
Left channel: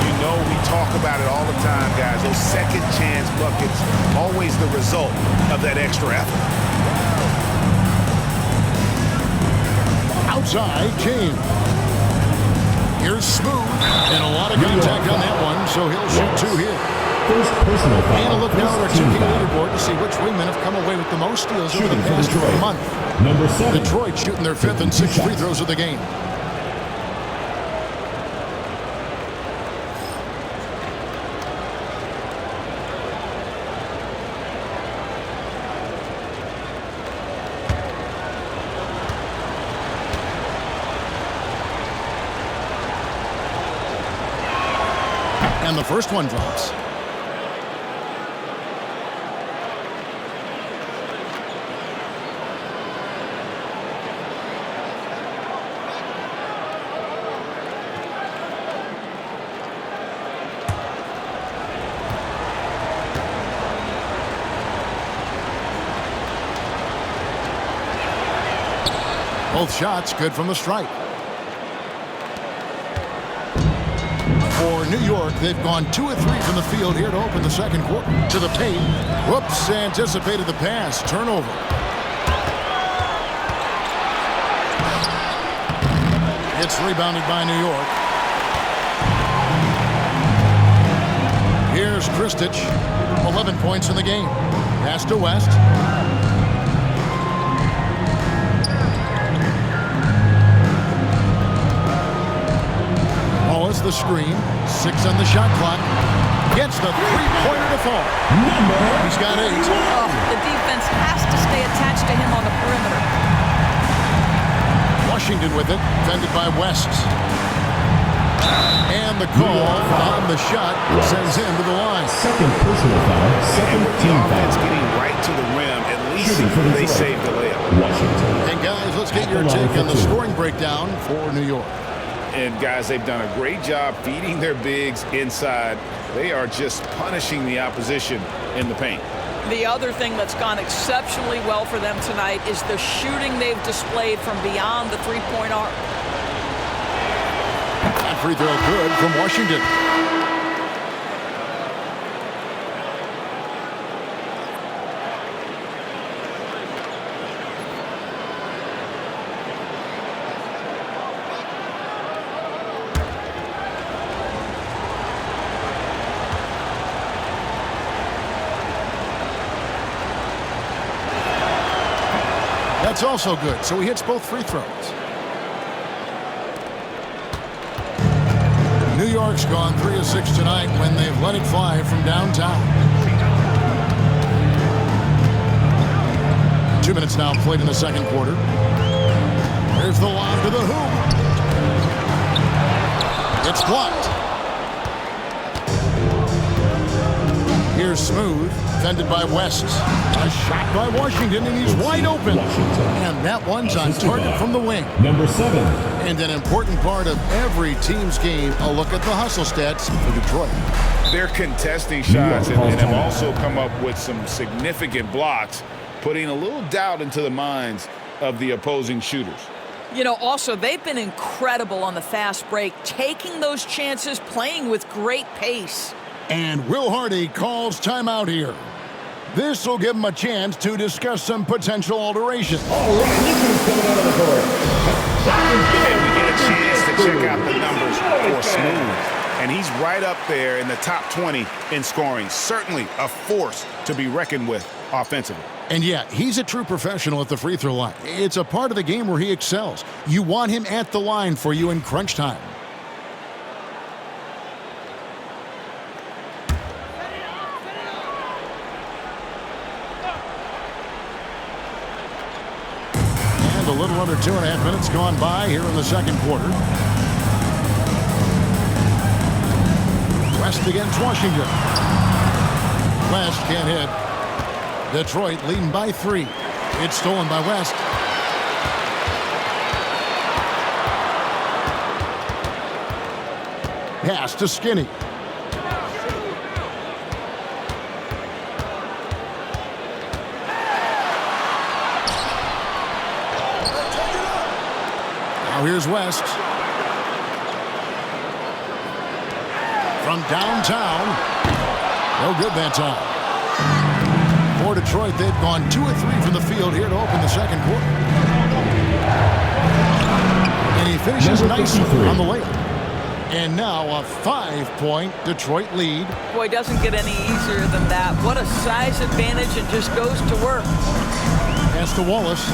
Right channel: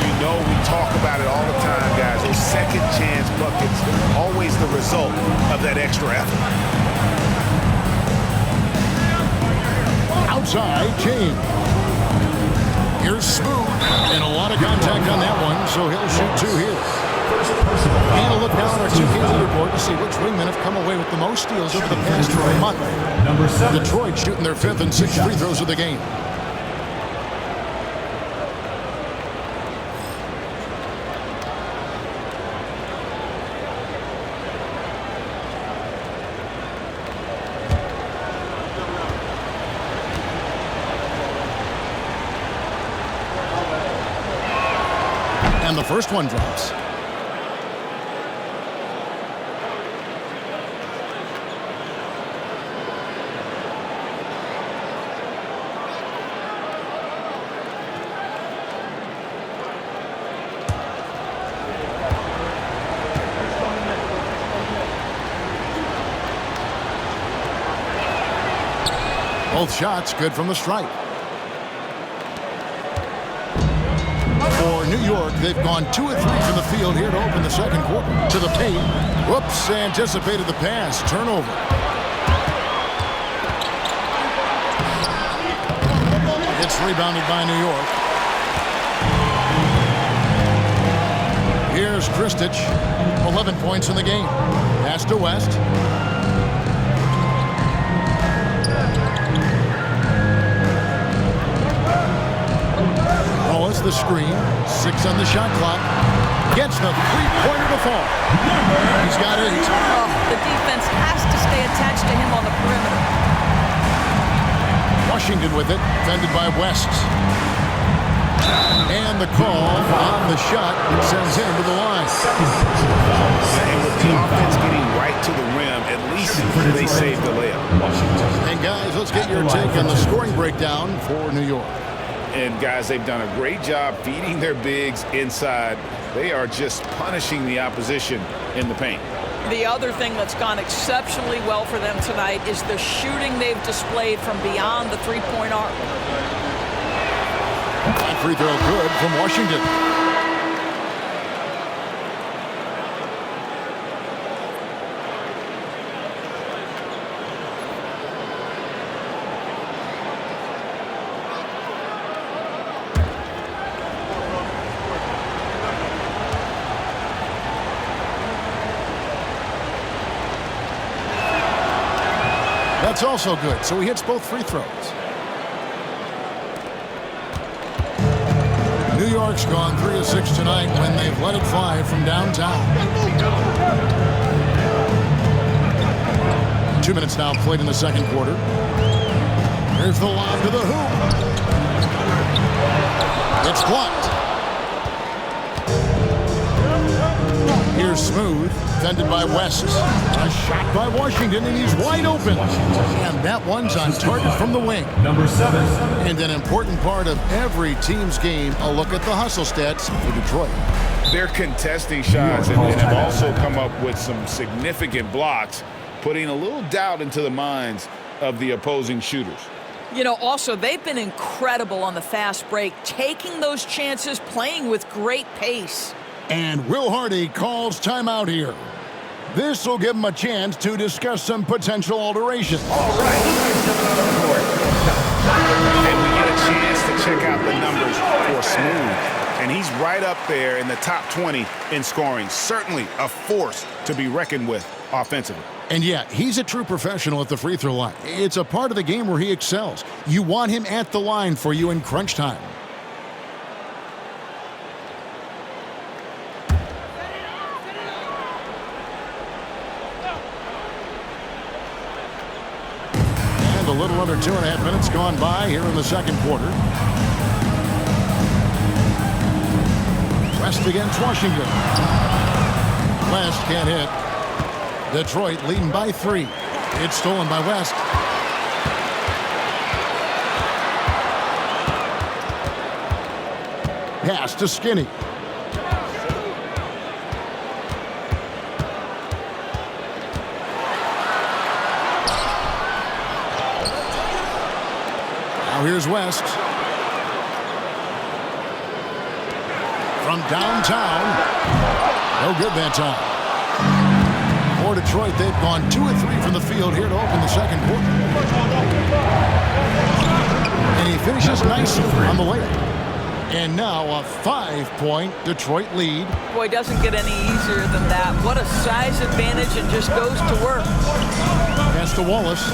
You know we talk about it all the time, guys. Those second chance buckets, always the result of that extra effort. Outside, James. Here's Smooth. And a lot of contact on that one, so he'll shoot 2 here. And a look now at our 2K leaderboard to see which wingmen have come away with the most steals over the past month. Number 7. Detroit shooting their 5th and 6th free throws of the game. And the first one drops. Both shots good from the stripe. For New York, they've gone 2 of 3 from the field here to open the second quarter. To the paint. Whoops, anticipated the pass. Turnover. It's rebounded by New York. Here's Kristic. 11 points in the game. Pass to West. Wallace the screen. 6 on the shot clock. Gets the three-pointer to fall. He's got 8. Oh, the defense has to stay attached to him on the perimeter. Washington with it, defended by West. And the call on the shot that sends him to the line. Second personal foul. And with the offense getting right to the rim, at least they saved the layup. Washington. And guys, let's get your take on the scoring breakdown for New York. And guys, they've done a great job feeding their bigs inside. They are just punishing the opposition in the paint. The other thing that's gone exceptionally well for them tonight is the shooting they've displayed from beyond the three-point arc. That free throw good from Washington. That's also good, so he hits both free throws. New York's gone 3 of 6 tonight when they've let it fly from downtown. 2 minutes now played in the second quarter. Here's the lob to the hoop. It's blocked. Here's Smooth, defended by West. A shot by Washington, and he's wide open. And that one's on target from the wing. Number 7. And an important part of every team's game, a look at the hustle stats for Detroit. They're contesting shots and have also come up with some significant blocks, putting a little doubt into the minds of the opposing shooters. You know, also, they've been incredible on the fast break, taking those chances, playing with great pace. And Will Hardy calls timeout here. This will give him a chance to discuss some potential alterations. All right, he's coming out of the court. And we get a chance to check out the numbers for Smooth. And he's right up there in the top 20 in scoring. Certainly a force to be reckoned with offensively. And yeah, he's a true professional at the free throw line. It's a part of the game where he excels. You want him at the line for you in crunch time. A little under 2.5 minutes gone by here in the second quarter. West against Washington. West can't hit. Detroit leading by 3. It's stolen by West. Pass to Skinny. Now here's West. From downtown. No good that time. For Detroit, they've gone 2 of 3 from the field here to open the second quarter. And he finishes nicely on the layup. And now a 5-point Detroit lead. Boy, doesn't get any easier than that. What a size advantage, and just goes to work. Pass to Wallace.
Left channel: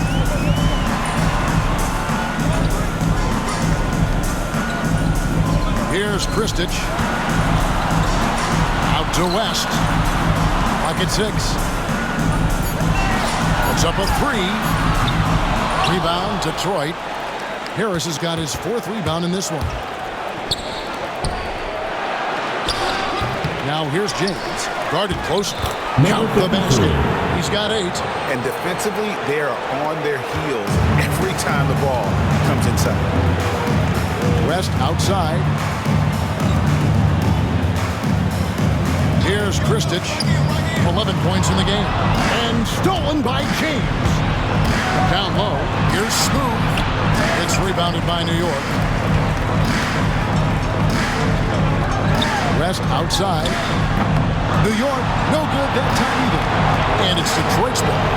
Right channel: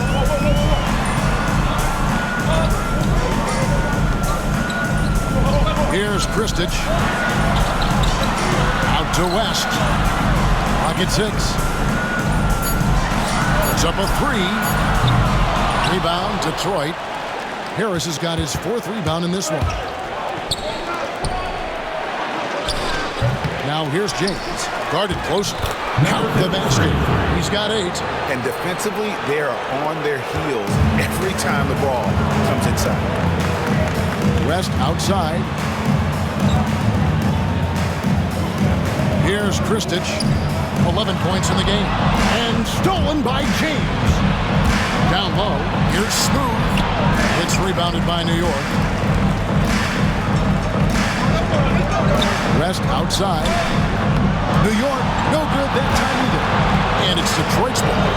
Here's Kristich. Out to West. Pocket 6. Puts up a 3. Rebound, Detroit. Harris has got his 4th rebound in this one. Now here's James. Guarded closely. Count the basket. He's got 8. And defensively, they are on their heels every time the ball comes inside. West outside. Here's Kristich. 11 points in the game. And stolen by James. Down low. Here's Smooth. It's rebounded by New York. West outside. New York, no good that time either. And it's Detroit's ball.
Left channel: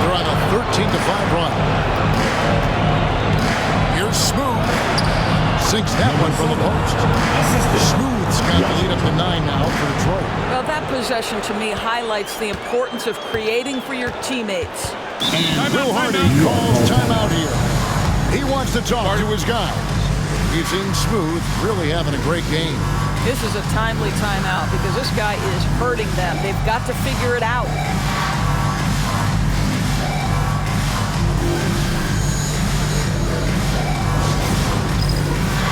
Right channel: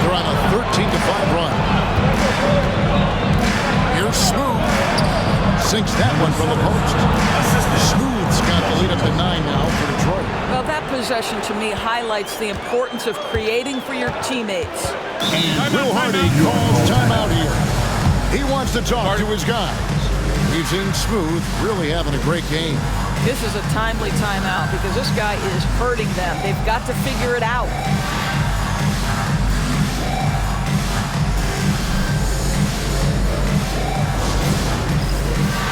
They're on a 13-5 run. Here's Smooth. Sinks that one from the post. Smooth's got the lead up to 9 now for Detroit. Well, that possession to me highlights the importance of creating for your teammates. And Will Hardy calls timeout here. He wants to talk to his guys. We've seen Smooth really having a great game. This is a timely timeout because this guy is hurting them. They've got to figure it out.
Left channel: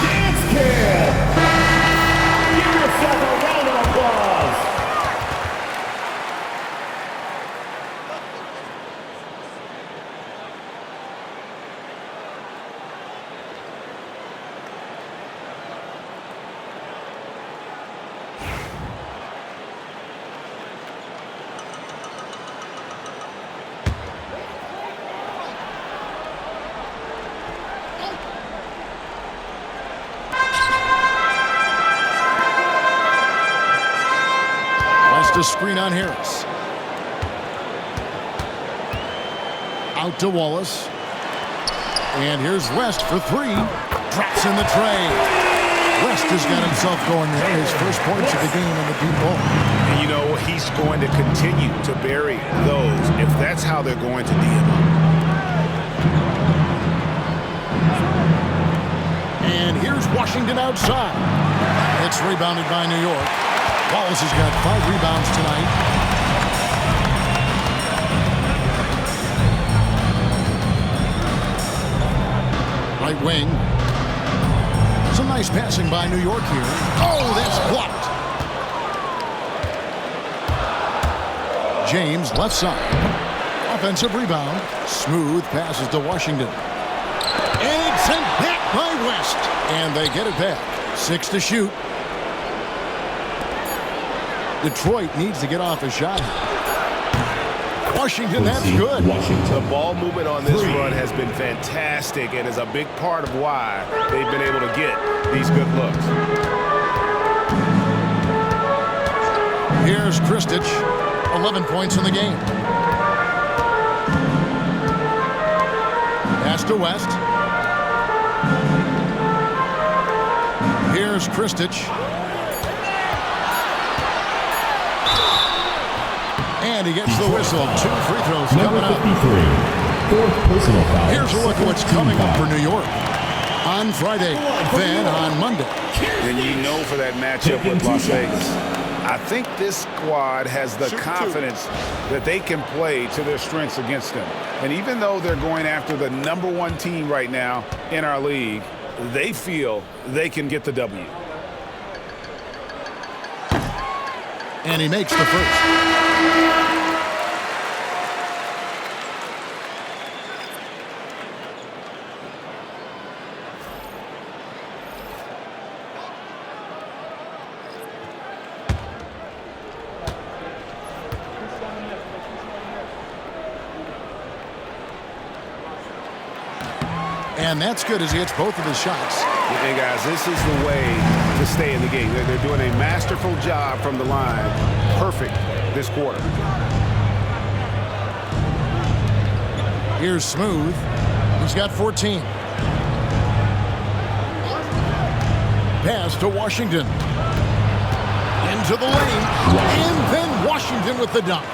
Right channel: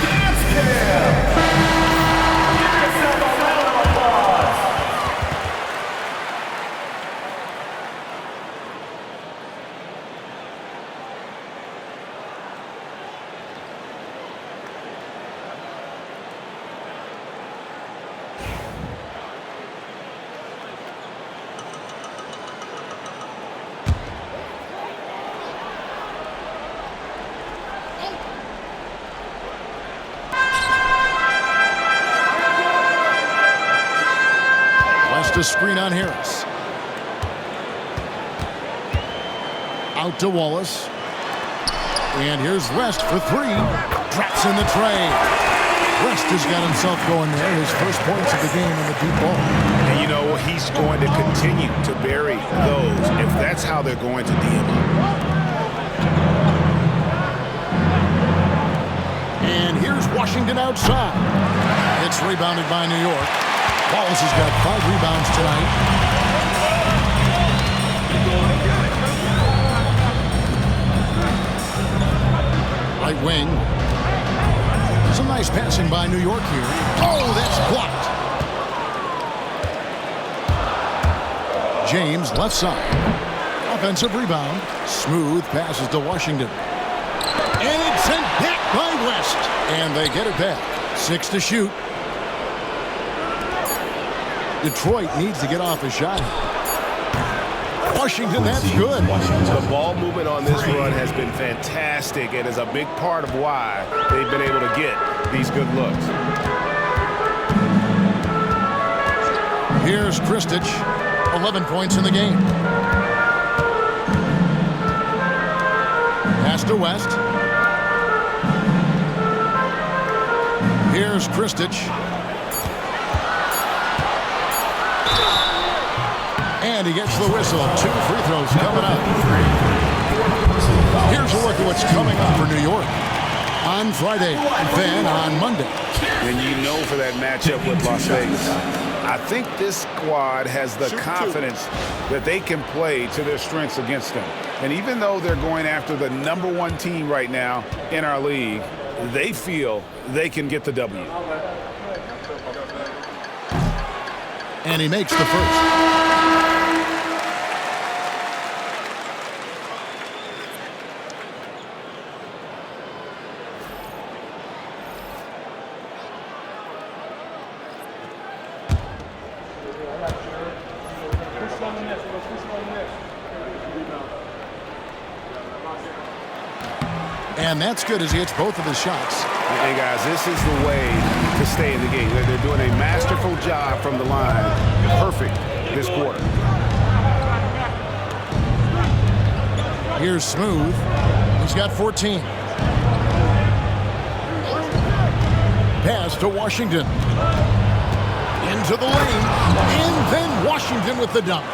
Dance Cam! Give yourself a round of applause! To screen on Harris. Out to Wallace. And here's West for 3. Drops in the tray. West has got himself going there. His first points of the game on the deep ball. And you know, he's going to continue to bury those if that's how they're going to D him up. And here's Washington outside. It's rebounded by New York. Wallace has got 5 rebounds tonight. Right wing. Some nice passing by New York here. Oh, that's blocked. James, left side. Offensive rebound. Smooth passes to Washington. And it's sent back by West. And they get it back. 6 to shoot. Detroit needs to get off a shot. Washington, that's good. The ball movement on this run has been fantastic and is a big part of why they've been able to get these good looks. Here's Kristich, 11 points in the game. Pass to West. Here's Kristich. And he gets the whistle. 2 free throws coming up. Here's a look at what's coming up for New York on Friday, then on Monday. And you know for that matchup with Las Vegas, I think this squad has the confidence that they can play to their strengths against them. And even though they're going after the #1 team right now in our league, they feel they can get the W. And he makes the first. And that's good as he hits both of his shots. And guys, this is the way to stay in the game. They're doing a masterful job from the line. Perfect this quarter. Here's Smooth. He's got 14. Pass to Washington. Into the lane. And then Washington with the dunk.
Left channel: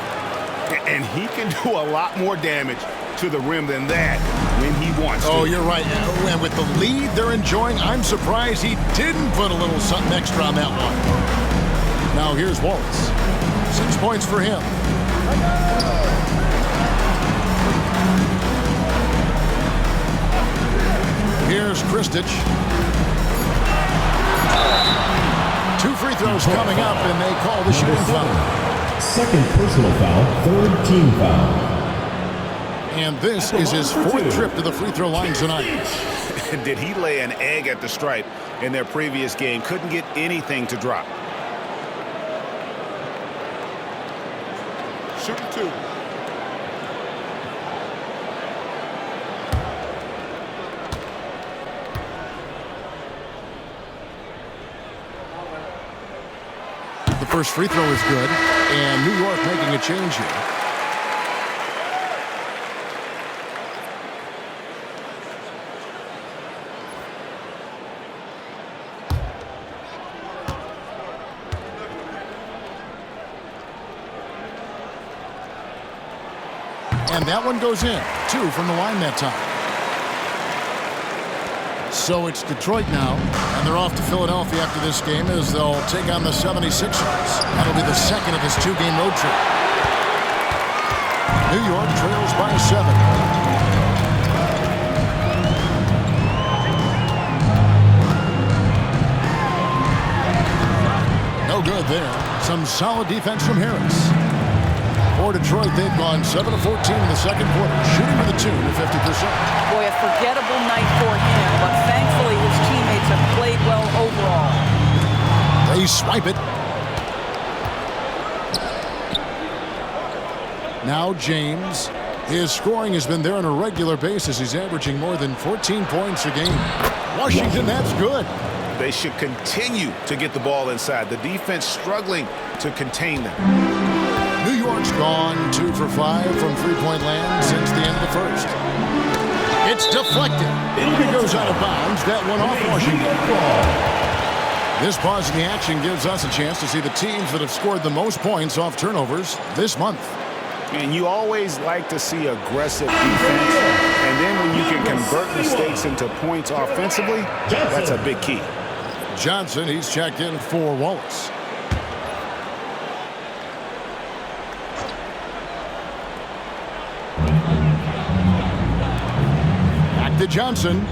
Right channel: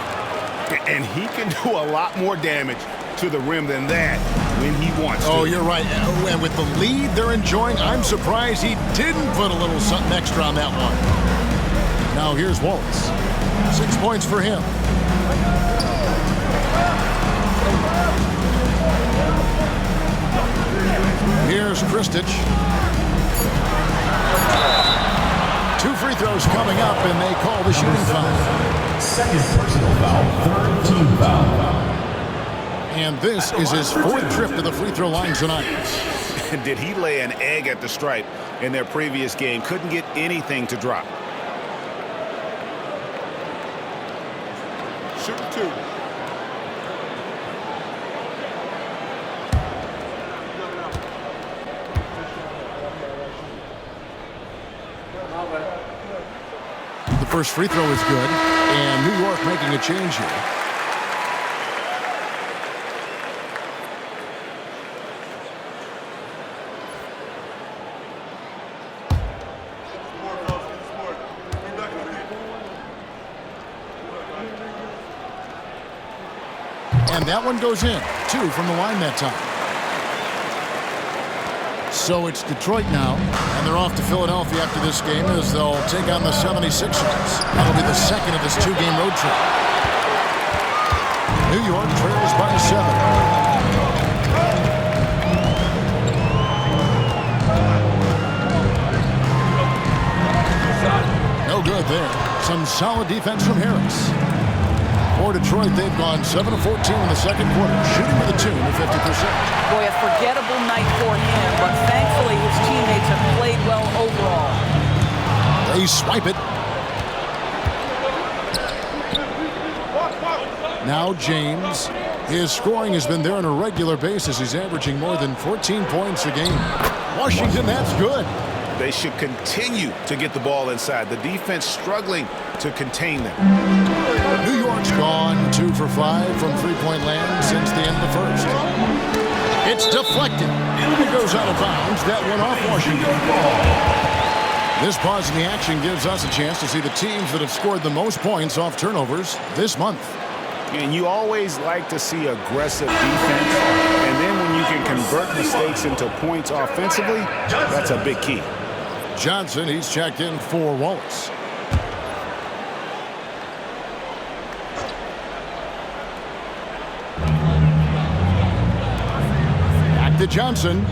And he can do a lot more damage to the rim than that when he wants to. Oh, you're right. And with the lead they're enjoying, I'm surprised he didn't put a little something extra on that one. Now here's Wallace. 6 points for him. Here's Kristich. 2 free throws coming up, and they call the shooting foul. Second personal foul, 3rd team foul. And this is his 4th trip to the free throw line tonight. Did he lay an egg at the stripe in their previous game? Couldn't get anything to drop. Shooting 2. The first free throw is good, and New York making a change here. And that one goes in. 2 from the line that time. So it's Detroit now, and they're off to Philadelphia after this game as they'll take on the 76ers. That'll be the second of this 2-game road trip. New York trails by 7. No good there. Some solid defense from Harris. For Detroit, they've gone 7 of 14 in the second quarter, shooting to the tune of 50%. Boy, a forgettable night for him, but thankfully his teammates have played well overall. They swipe it. Now James. His scoring has been there on a regular basis. He's averaging more than 14 points a game. Washington, that's good. They should continue to get the ball inside. The defense struggling to contain them. New York's gone 2 for 5 from three-point land since the end of the first. It's deflected. It goes out of bounds. That one off Washington. This pause in the action gives us a chance to see the teams that have scored the most points off turnovers this month. And you always like to see aggressive defense. And then when you can convert mistakes into points offensively, that's a big key. Johnson, he's checked in for Wallace. Back to Johnson.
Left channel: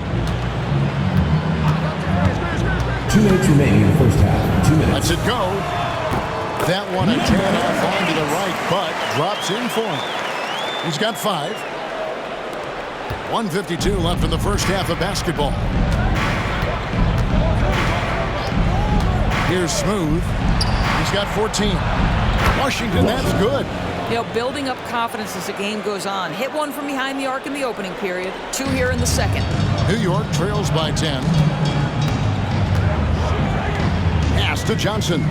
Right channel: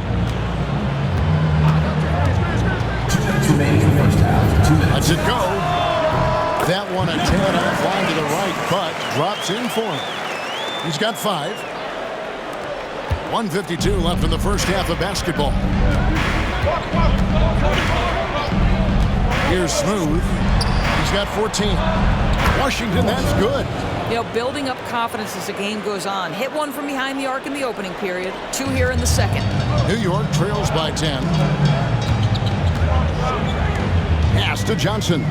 2 minutes remaining in the first half. 2 minutes. Lets it go. That one a tad offline to the right, but drops in for him. He's got 5. 1:52 left in the first half of basketball. Here's Smooth. He's got 14. Washington, that's good. You know, building up confidence as the game goes on. Hit one from behind the arc in the opening period. 2 here in the second. New York trails by 10. Pass to Johnson.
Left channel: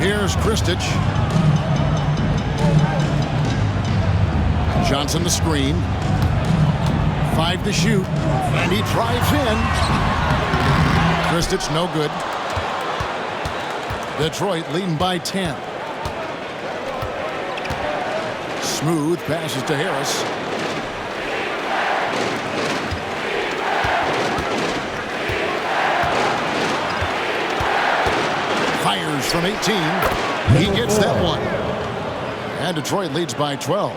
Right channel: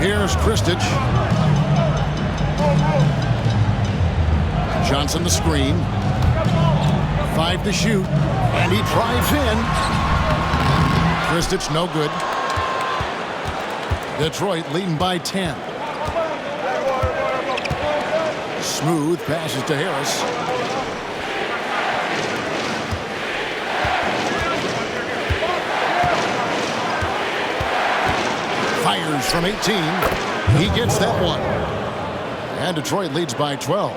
Here's Kristich. Johnson the screen. 5 to shoot. And he drives in. Kristich no good. Detroit leading by 10. Smooth passes to Harris. Fires from 18. He gets that one. And Detroit leads by 12.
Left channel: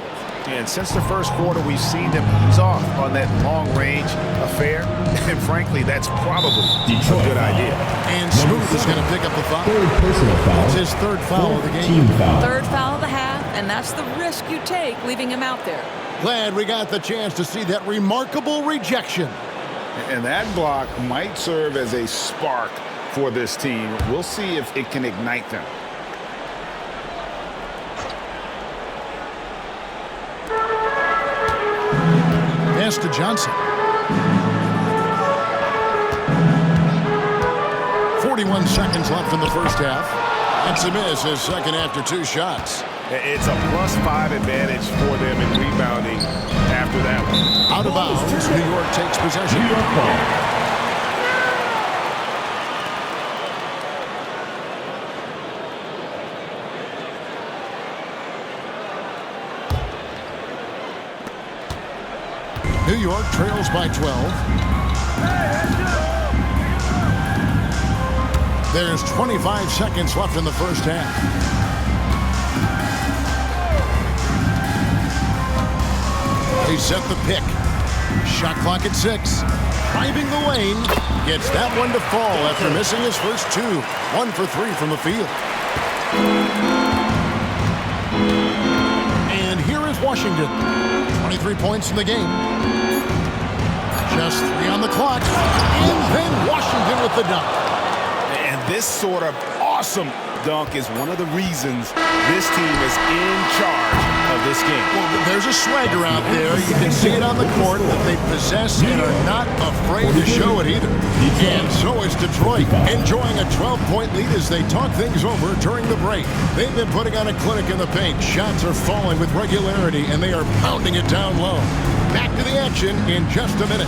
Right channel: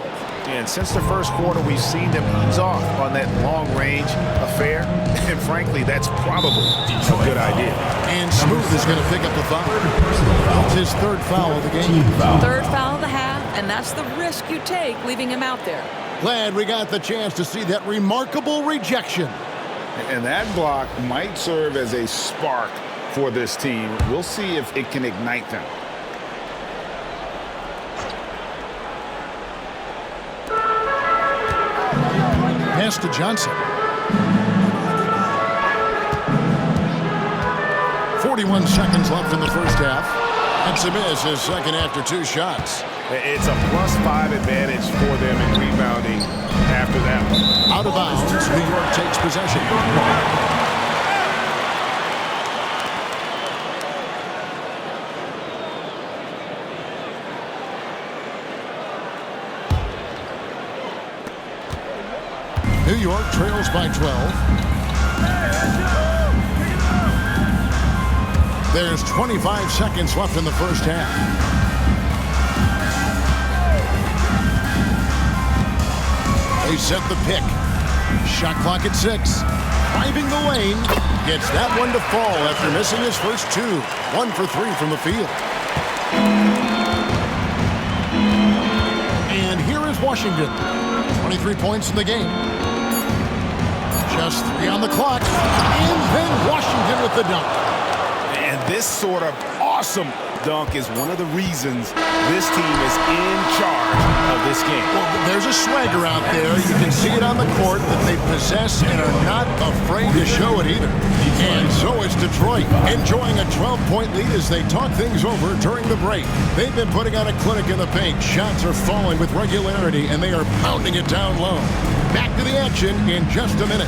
And since the first quarter, we've seen them ease off on that long-range affair. And frankly, that's probably a good idea. And Smooth is going to pick up the foul. Personal foul. It's his 3rd foul of the game. Team foul. 3rd foul of the half, and that's the risk you take leaving him out there. Glad we got the chance to see that remarkable rejection. And that block might serve as a spark for this team. We'll see if it can ignite them. Pass to Johnson. 41 seconds left in the first half. That's a miss, his second after 2 shots. It's a +5 advantage for them in rebounding after that one. Out of bounds, New York takes possession. New York trails by 12. There's 25 seconds left in the first half. They set the pick. Shot clock at 6. Driving the lane. Gets that one to fall after missing his first 2. 1 for 3 from the field. And here is Washington. 23 points in the game. Just 3 on the clock. And then Washington with the dunk. And this sort of awesome dunk is one of the reasons this team is in charge of this game. Well, there's a swagger out there. You can see it on the court that they possess and are not afraid to show it either. And so is Detroit, enjoying a 12-point lead as they talk things over during the break. They've been putting on a clinic in the paint. Shots are falling with regularity, and they are pounding it down low. Back to the action in just a minute.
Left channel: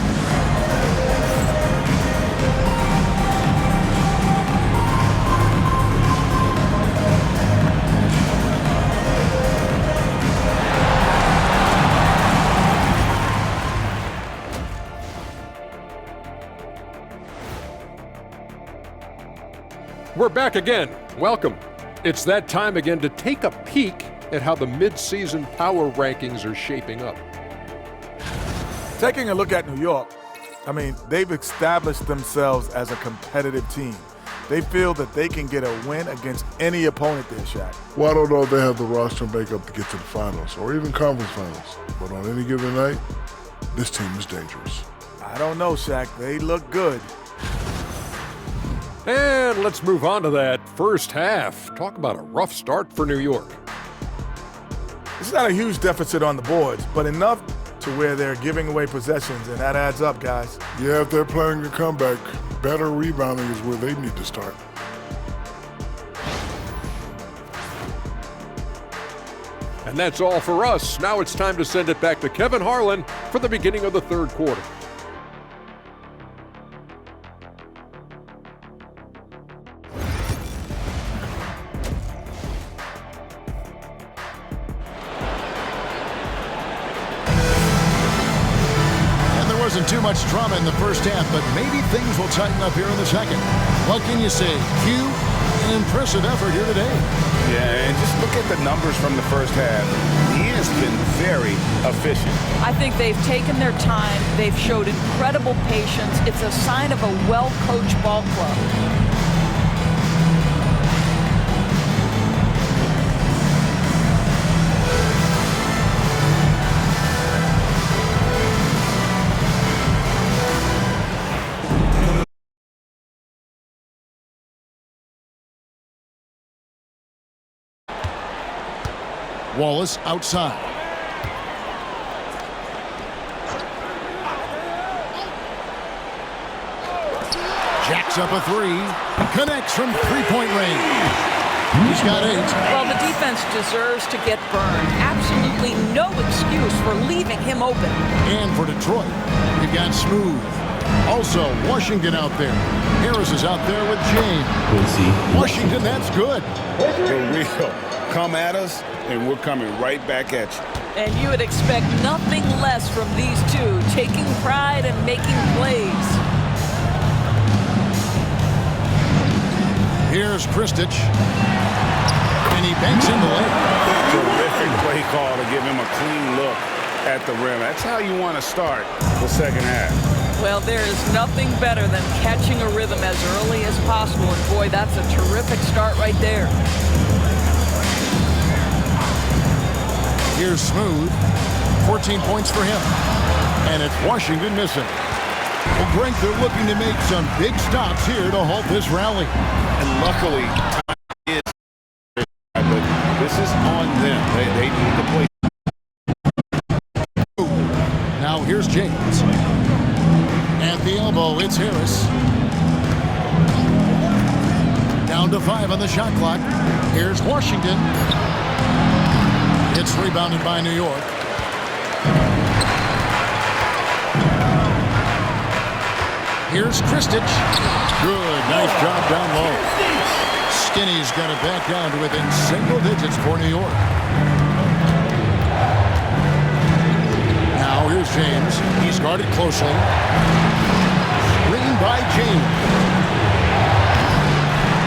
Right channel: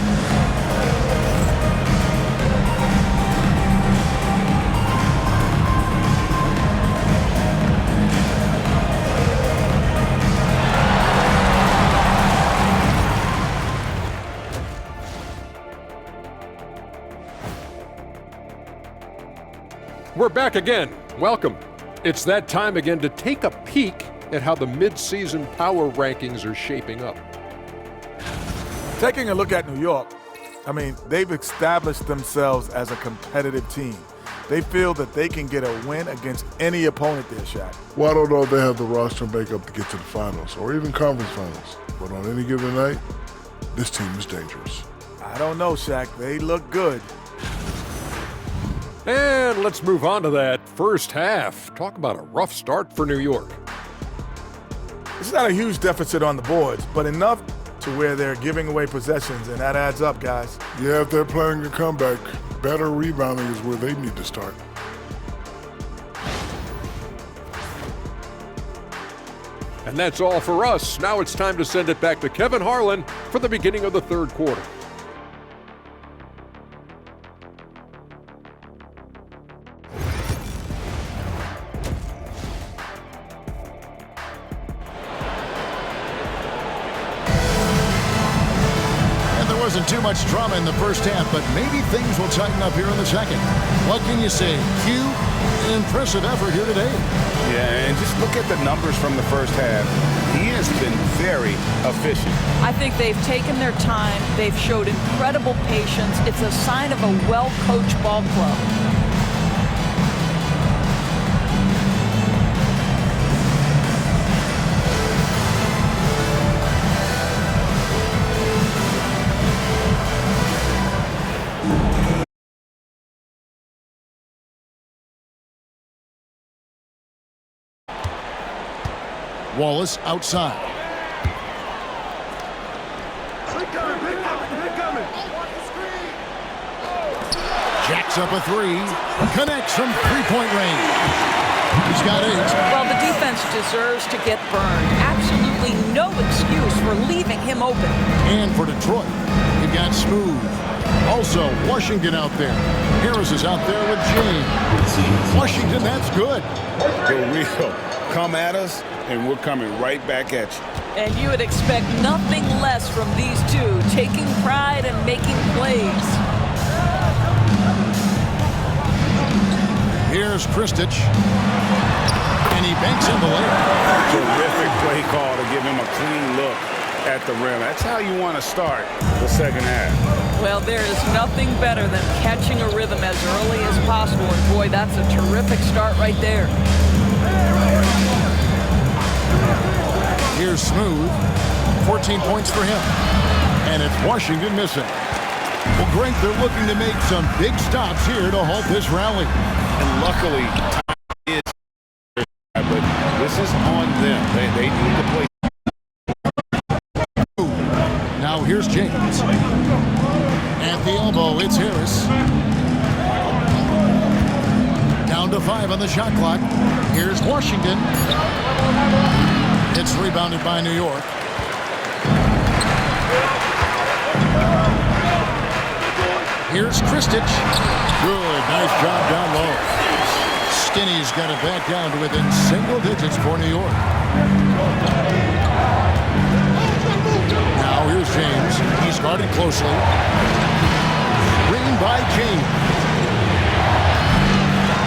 We're back again. Welcome. It's that time again to take a peek at how the mid-season power rankings are shaping up. Taking a look at New York, I mean, they've established themselves as a competitive team. They feel that they can get a win against any opponent there, Shaq. Well, I don't know if they have the roster makeup to get to the finals or even conference finals. But on any given night, this team is dangerous. I don't know, Shaq. They look good. And let's move on to that first half. Talk about a rough start for New York. It's not a huge deficit on the boards, but enough to where they're giving away possessions, and that adds up, guys. Yeah, if they're planning a comeback, better rebounding is where they need to start. And that's all for us. Now it's time to send it back to Kevin Harlan for the beginning of the third quarter. wasn't too much drama in the first half, but maybe things will tighten up here in the second. What can you say? Q, impressive effort here today. Yeah, and just look at the numbers from the first half. He has been very efficient. I think they've taken their time. They've showed incredible patience. It's a sign of a well-coached ball club. Wallace outside. Jacks up a three. Connects from three-point range. He's got 8. Well, the defense deserves to get burned. Absolutely no excuse for leaving him open. And for Detroit, you've got Smooth. Also, Washington out there. Harris is out there with James. Washington, that's good. For real. Come at us, and we're coming right back at you. And you would expect nothing less from these two, taking pride and making plays. Here's Kristich. And he banks in the layup. Terrific play call to give him a clean look at the rim. That's how you want to start the second half. Well, there is nothing better than catching a rhythm as early as possible. And boy, that's a terrific start right there. Here's Smooth. 14 points for him. And it's Washington missing. Well, Greg, they're looking to make some big stops here to halt this rally. And luckily, time is, but this is on them. They need to play. Now here's James. At the elbow, it's Harris. Down to 5 on the shot clock. Here's Washington. It's rebounded by New York. Here's Kristich. Good, nice job down low. Skinny's got it back down to within single digits for New York. Now here's James. He's guarded closely. Screen by James.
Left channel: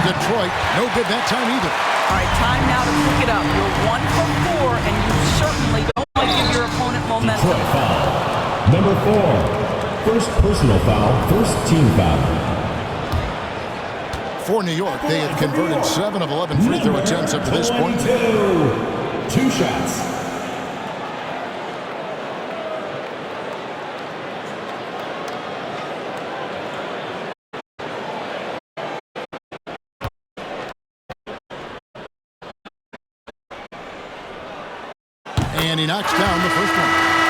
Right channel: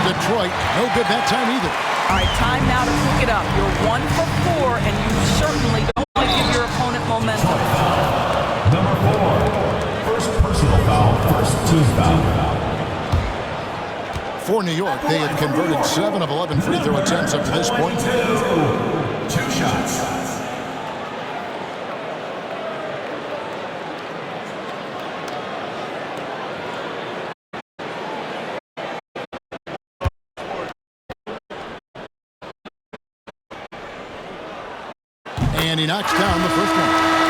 Detroit, no good that time either. All right, time now to pick it up. You're 1 for 4, and you certainly don't want to give your opponent momentum. Detroit foul. Number 4. First personal foul, first team foul. For New York, they have converted 7 of 11 free throw attempts up to this point. 2 shots. And he knocks down the first one.